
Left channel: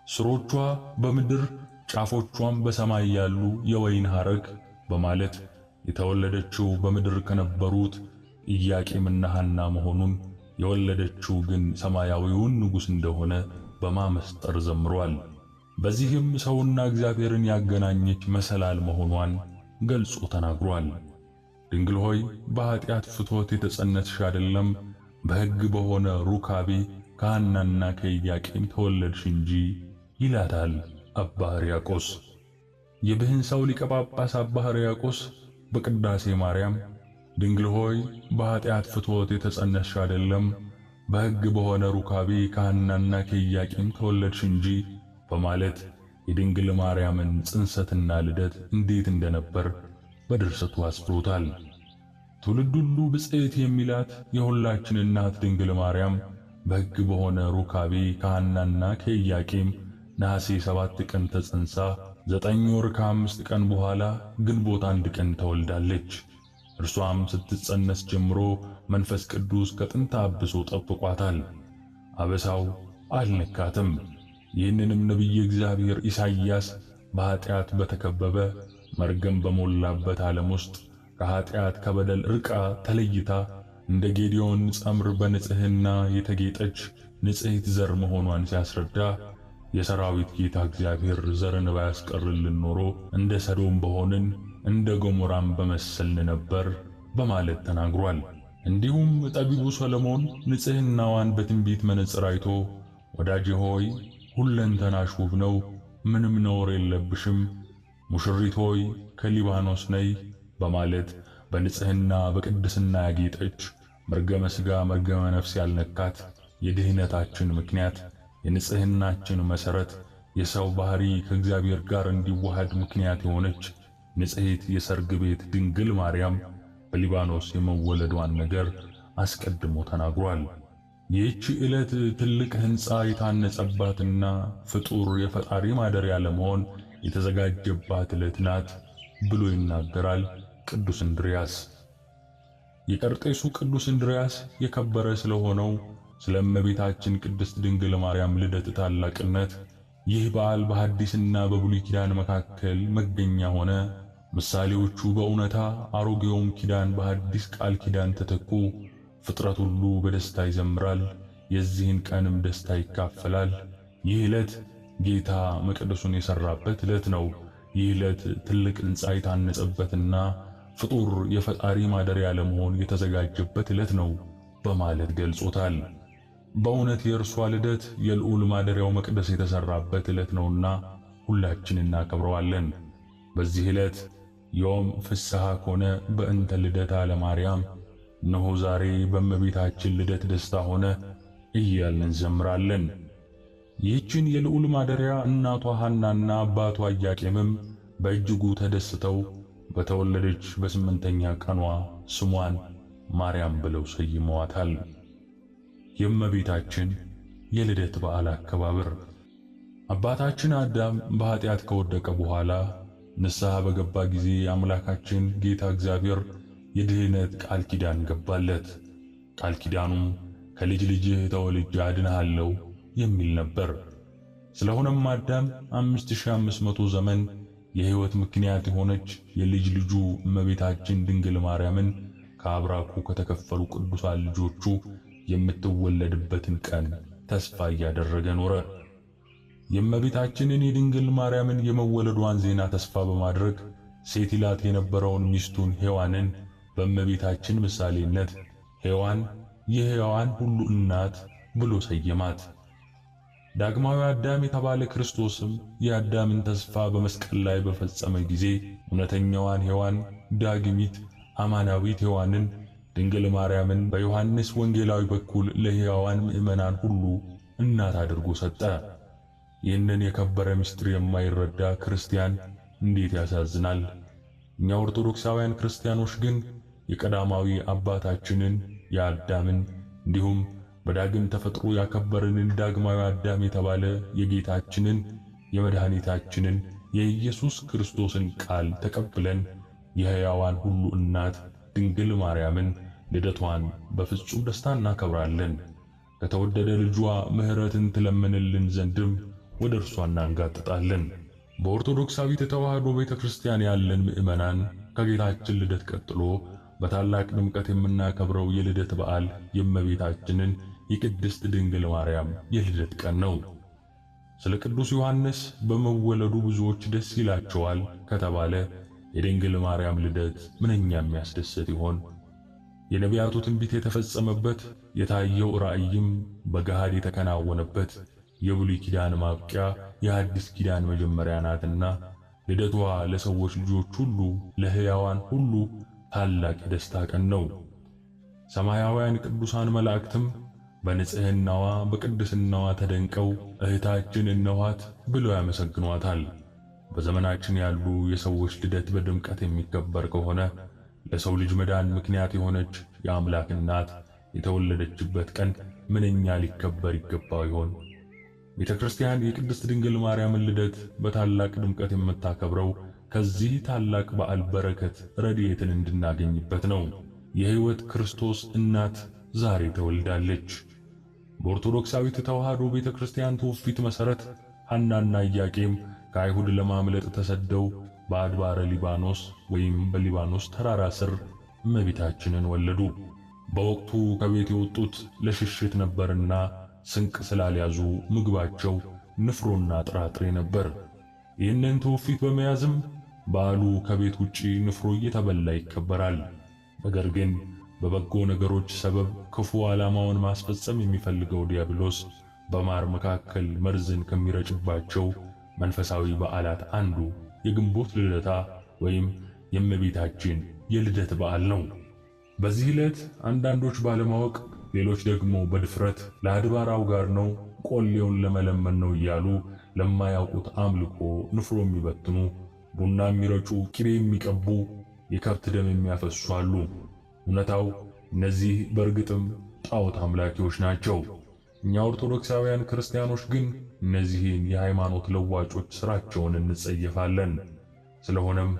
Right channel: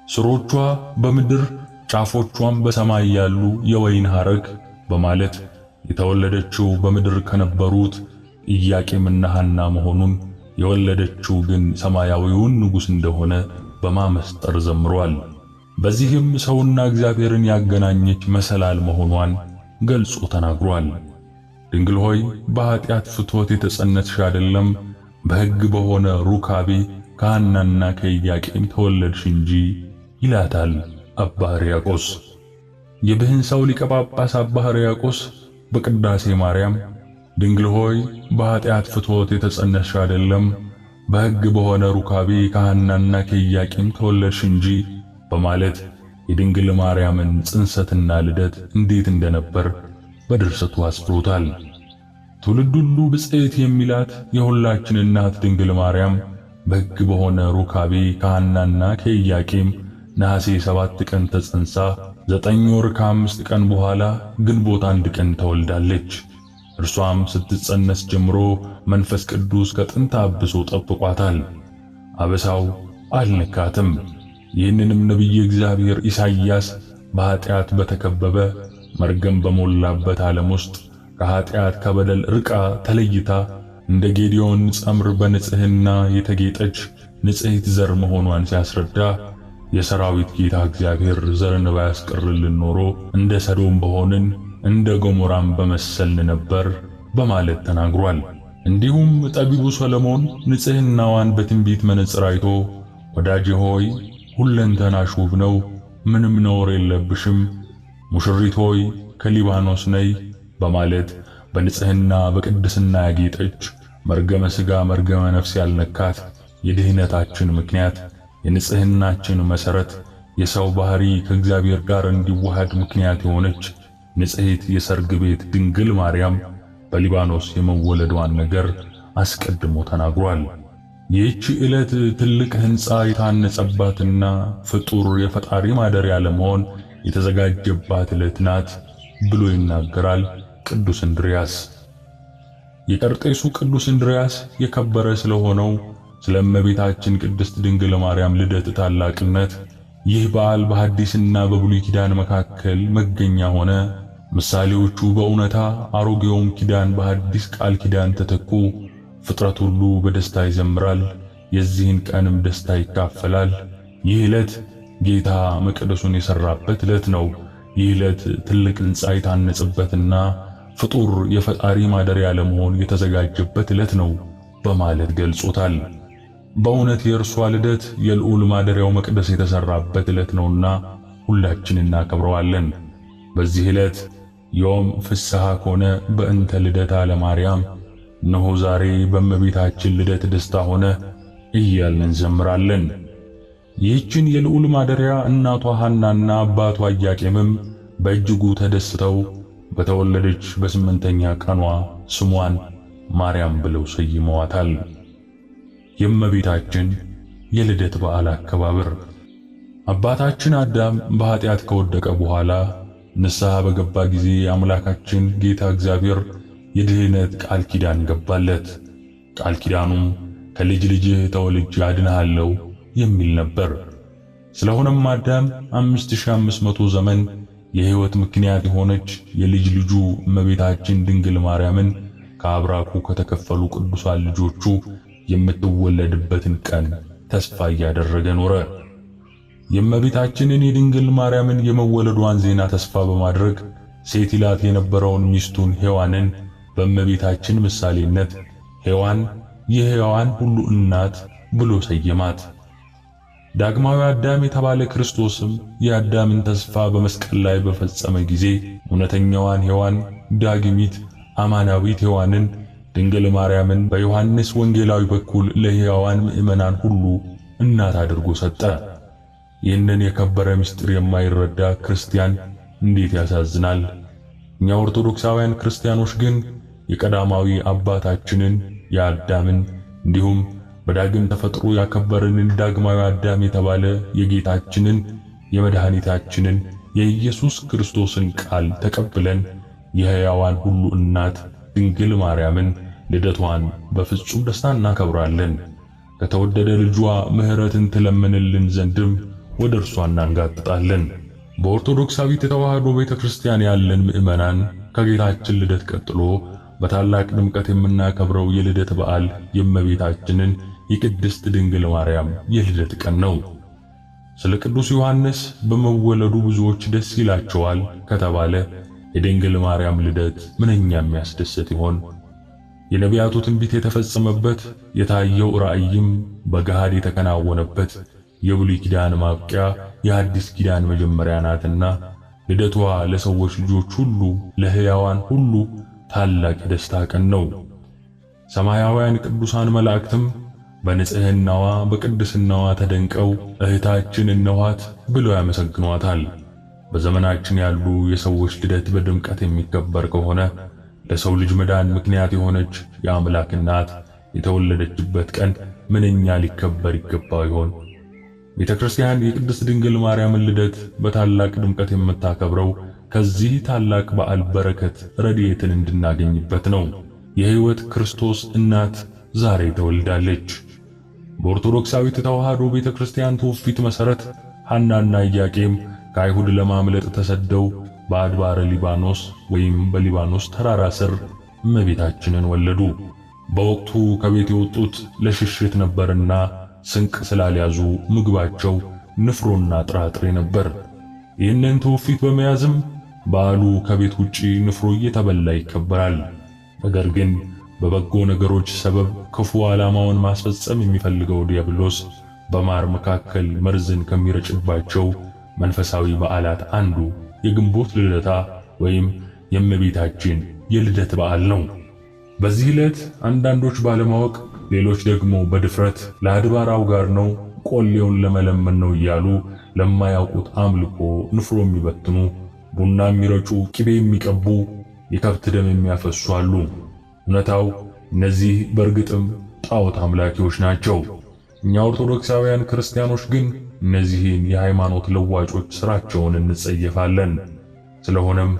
ስሮቿ በምድር ጫፎቿም በሰማይ ያሉ የወይን ሐረግ በማለት የተወለደችው በምድር ከነበሩት ኢያቄምና ሐና መሆኑን የወለደችው ግን ሰማያዊውን ንጉሥ እንደሆነ በማመስጠር ዘምሯል። በዚህም ሰውና እግዚአብሔርን ያገናኘች መሰላል መሆኗን ገልጾ ተናግሯል። ድንግል ሆይ በኃጢአት ፍትወት የተጸነስሽ አይደለም፣ በሕግ በሆነ ሩካቤ ከሐናና ከኢያቄም ተወለድሽ እንጂ ይላታል አባ ሕርያቆስ። የብህንሳው ሊቀ ጳጳስ አባ ሕርያቆስ በቅዳሴ ማርያም ድንግል ሆይ በኃጢአት ፍትወት የተጸነስሽ አይደለም፣ በሕግ በሆነ ሩካቤ ከሐናና ከኢያቄም ተወለድሽ እንጂ በማለት የድንግል ማርያምን ጽንሰትና ልደት እንዴት እንደነበር በድርሰቱ አስፍሮታል። ትውልድ ሁሉ ብፅዕት የሚላት የሁላችን እናት ድንግል ማርያም በሕግ በሆነ ሩካቤ ከሐናና ከኢያቄም ነሐሴ 7 ቀን ተጸንሳ 9 ወር ከ5 ቀን በኋላ ግንቦት 1 ቀን ተወልዳለች። እርሷም ስትጸነስ ጀምሮ መንፈስ ቅዱስ ከጥንተ አብሶ ጠብቋታል። አበሳው አልነካትም። ይህንንም ነቢየ እግዚአብሔር ኢሳይያስ በኃጢአት በተከበበ መርገም በሞላበት ዓለም ውስጥ ከኃጢአት ከበደል ርቃ ተለይታ እንደ ጌዲዮን ጸምር በንጽሕና የተጌጠች ንጽሕት ዘር መሆኗን ሲያስረዳ የሰራዊት ጌታ እግዚአብሔር ዘርን ባያስቀርልን ኖሮ እንደ ሰዶም በሆንን እንደ ገሞራም በመሰልን ነበር በማለት ተናግሯል። እንዲሁም ጠቢቡ ሰሎሞን ንጽሕናዋን በትንቢት መነጽር አይቶ ወዳጄ ሆይ ሁለንተናሽ ውብ ነው፣ ምንም ነውር የለብሽም፣ ሙሽሪት ሆይ ከሊባኖስ ነይ በማለት በንጽሕና በቅድስና ያጌጠች መርገመ ሥጋ መርገመ ነፍስ ያልነካት የድኅነታችን ምክንያት የንጽሕናችን መሠረት የሰው ባህሪ ከእግዚአብሔር ጋር እንዲዋሃድ ምክንያት የሆነች ንጽሕት የሰርግ ቤት ድንግል ማርያም በሊባኖስ የመወለዷን ነገር አስቀድሞ ተናግሯል። ይህች ዕለት ትልቅ ሕንፃ የታነጸባትና ፍጡር የፈጣሪ ማደሪያ ለመሆን የተዘጋጀባት ዕለት ናት ብሎ ይናገራል ቅዱስ እንድርያስ። የቀርጤሱ ቅዱስ እንድርያስ የከበረ ስለሆነው ስለ እመቤታችን ቅድስት ድንግል ማርያም ልደት ታላቅነት ይህ በዓል በሐዲስና በብሉይ ኪዳን መካከል መገኛ ሆነ። ምሳሌዎቹ በእውነታ አሮጌውም ኪዳን በሐዲስ ቃል ኪዳን ተተኩ። ፍጥረት ሁሉ በደስታ ይዘምራል፣ የዚህን ቀንም ደስታ ይካፈላል። ይህ ዕለት ጌታ መቅደሱን የሠራበት ዕለት ነው። ይህ ዕለት ትልቅ ሕንፃ የታነጸበትና ፍጡር የፈጣሪ ማደሪያ ለመሆን የተዘጋጀበት ዕለት ነው በማለት ገልጾታል። በእውነት የእርሷ ልደት የልዑል ማደሪያው መቅደስ የተሠራበት ዕለት ነውና ሁላችን እናከብረዋለን። በዚህ ዕለት ዮም ፍስሐ ኮነ በእንተ ልደታ ለማርያም፣ እነሆ ዛሬ በእመቤታችን ልደት ደስታ ሆነ እያልን እንዘምራለን። ይህችን የልዑል ማደሪያ እናቷ ሐናና አባቷ ኢያቄምም በእጅጉ ተደስተው በተወለደች በ8ኛ ቀኗ ስሟን ማርያም ብለው ሰይመዋታል። የእመቤታችን የልደት በዓል አከባበር አባታችን አዳም በኃጢአት ከወደቀ በኋላ ንስሐ በገባ ጊዜ አምላካችን ጌታ እግዚአብሔር የድኅነት ቃል ኪዳን ገባለት። ቃል ኪዳኑም ከልጅ ልጅህ ተወልጄ አድንሃለሁ የሚል ነበር። ስለሆነም አዳም 5500 ዘመን የሕይወት ምክንያት የሆነች የልጅ ልጁ እመቤታችን ድንግል ማርያምን ከአብራኩ ከተከፈሉ ቅዱሳን ልጆቹ የምትወለድበትን ቀን ተስፋ እያደረገ ኖረ። የእመቤታችንን የድንግል ማርያምን የመወለዷን ዜና ተስፋ በማድረግ ሴት ይላት የነበረውን ሚስቱን ሔዋንን በእመቤታችን ምሳሌነት ሔዋን የሕያዋን ሁሉ እናት ብሎ ሰየማት። ዳግማዊ አዳም የተባለ ክርስቶስም የአዳምን ተስፋ በመስቀል ላይ በፈጸመ ጊዜ እውነተኛዋን ሔዋን ዳግሚት አማናዊት ሔዋንን ድንግል ማርያምን በዮሐንስ ወንጌላዊ በኩል ለሕያዋን ምእመናን ሁሉ እናት አድርጎ ሰጠ። ይህንን የከበረ ምስጢር የማይረዳ ክርስቲያን እንዴት ያሳዝናል! እኛ ኦርቶዶክሳውያን ክርስቲያኖች ግን የቀዳማዊ አባታችንን የአዳምን እንዲሁም በዳግም ተፈጥሮ ያከበረንን ዳግማዊ አዳም የተባለ የጌታችንን የመድኃኒታችንን የኢየሱስ ክርስቶስን ቃል ተቀብለን የሕያዋን ሁሉ እናት ድንግል ማርያምን ልደቷን በፍጹም ደስታ እናከብራለን። ከተወደደ ልጇ ምሕረትን ትለምንልን ዘንድም ወደ እርሷ እናንጋጥጣለን። በኦርቶዶክሳዊት ተዋሕዶ ቤተክርስቲያን ያለን ምእመናን ከጌታችን ልደት ቀጥሎ በታላቅ ድምቀት የምናከብረው የልደት በዓል የእመቤታችንን የቅድስት ድንግል ማርያም የልደት ቀን ነው። ስለ ቅዱስ ዮሐንስ በመወለዱ ብዙዎች ደስ ይላቸዋል ከተባለ የድንግል ማርያም ልደት ምንኛ የሚያስደስት ይሆን? የነቢያቱ ትንቢት የተፈጸመበት የታየው ራእይም በገሃድ የተከናወነበት የብሉይ ኪዳን ማብቂያ የአዲስ ኪዳን መጀመሪያ ናትና ልደቷ ለሰዎች ልጆች ሁሉ ለሕያዋን ሁሉ ታላቅ የደስታ ቀን ነው። ሰማያውያን ቅዱሳን መላእክትም በንጽሕናዋ በቅድስናዋ ተደንቀው እህታችን እነኋት ብለው ያመሰግኗታል። በዘመናችን ያሉ የሰዎች ልደት በድምቀት የሚከበር ከሆነ ለሰው ልጅ መዳን ምክንያት የሆነች የአምላክ እናት የተወለደችበት ቀን ምንኛ ሊከበር ይገባው ይሆን? ቤተ ክርስቲያን የቅድስት ድንግል ማርያምን ልደት በታላቅ ድምቀት የምታከብረው ከዚህ ታላቅ በዓል በረከት ረድኤትን እንድናገኝበት ነው። የሕይወት ክርስቶስ እናት ዛሬ ተወልዳለች። በኦርቶዶክሳዊት ተዋሕዶ ቤተ ክርስቲያን ትውፊት መሠረት ሐናና ኢያቄም ከአይሁድ ለማምለጥ ተሰደው በአድባረ ሊባኖስ ወይም በሊባኖስ ተራራ ስር እመቤታችንን ወለዱ። በወቅቱ ከቤት የወጡት ለሽሽት ነበርና ስንቅ ስላልያዙ ምግባቸው ንፍሮና ጥራጥሬ ነበር። ይህንን ትውፊት በመያዝም በዓሉ ከቤት ውጪ ንፍሮ እየተበላ ይከበራል። ነገር ግን በበጎ ነገሮች ሰበብ ክፉ ዓላማውን ማስፈጸም የሚፈልገው ዲያብሎስ በማር መካከል መርዝን ከሚረጭባቸው መንፈሳዊ በዓላት አንዱ የግንቦት ልደታ ወይም የእመቤታችን የልደት በዓል ነው። በዚህ ዕለት አንዳንዶች ባለማወቅ፣ ሌሎች ደግሞ በድፍረት ለአድባራው ጋር ነው ቆሌውን ለመለመን ነው እያሉ ለማያውቁት አምልኮ ንፍሮ የሚበትኑ፣ ቡና የሚረጩ፣ ቅቤ የሚቀቡ፣ የከብት ደም የሚያፈሱ አሉ። እውነታው እነዚህ በእርግጥም ጣዖት አምላኪዎች ናቸው። እኛ ኦርቶዶክሳውያን ክርስቲያኖች ግን እነዚህን የሃይማኖት ለዋጮች ስራቸውን እንጸየፋለን። ስለሆነም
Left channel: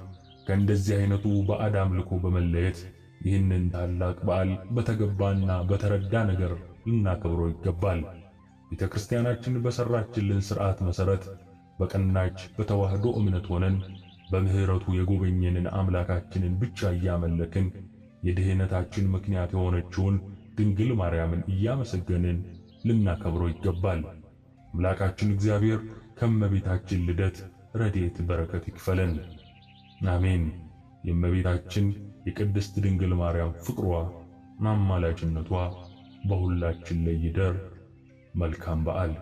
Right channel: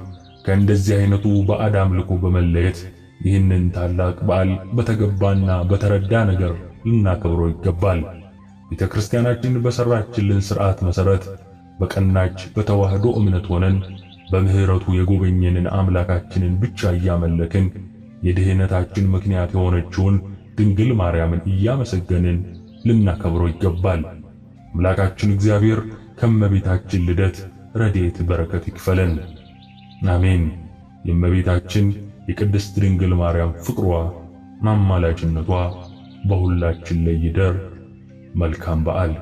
ከእንደዚህ አይነቱ ባዕድ አምልኮ በመለየት ይህንን ታላቅ በዓል በተገባና በተረዳ ነገር ልናከብረው ይገባል። ቤተ ክርስቲያናችን በሰራችልን ሥርዓት መሠረት በቀናች በተዋህዶ እምነት ሆነን በምህረቱ የጎበኘንን አምላካችንን ብቻ እያመለክን የድህነታችን ምክንያት የሆነችውን ድንግል ማርያምን እያመሰገንን ልናከብረው ይገባል። አምላካችን እግዚአብሔር ከእመቤታችን ልደት ረድኤት በረከት ይክፈለን። አሜን። የእመቤታችን የቅድስት ድንግል ማርያም ፍቅሯ ማማላጅነቷ በሁላችን ላይ ይደር። መልካም በዓል።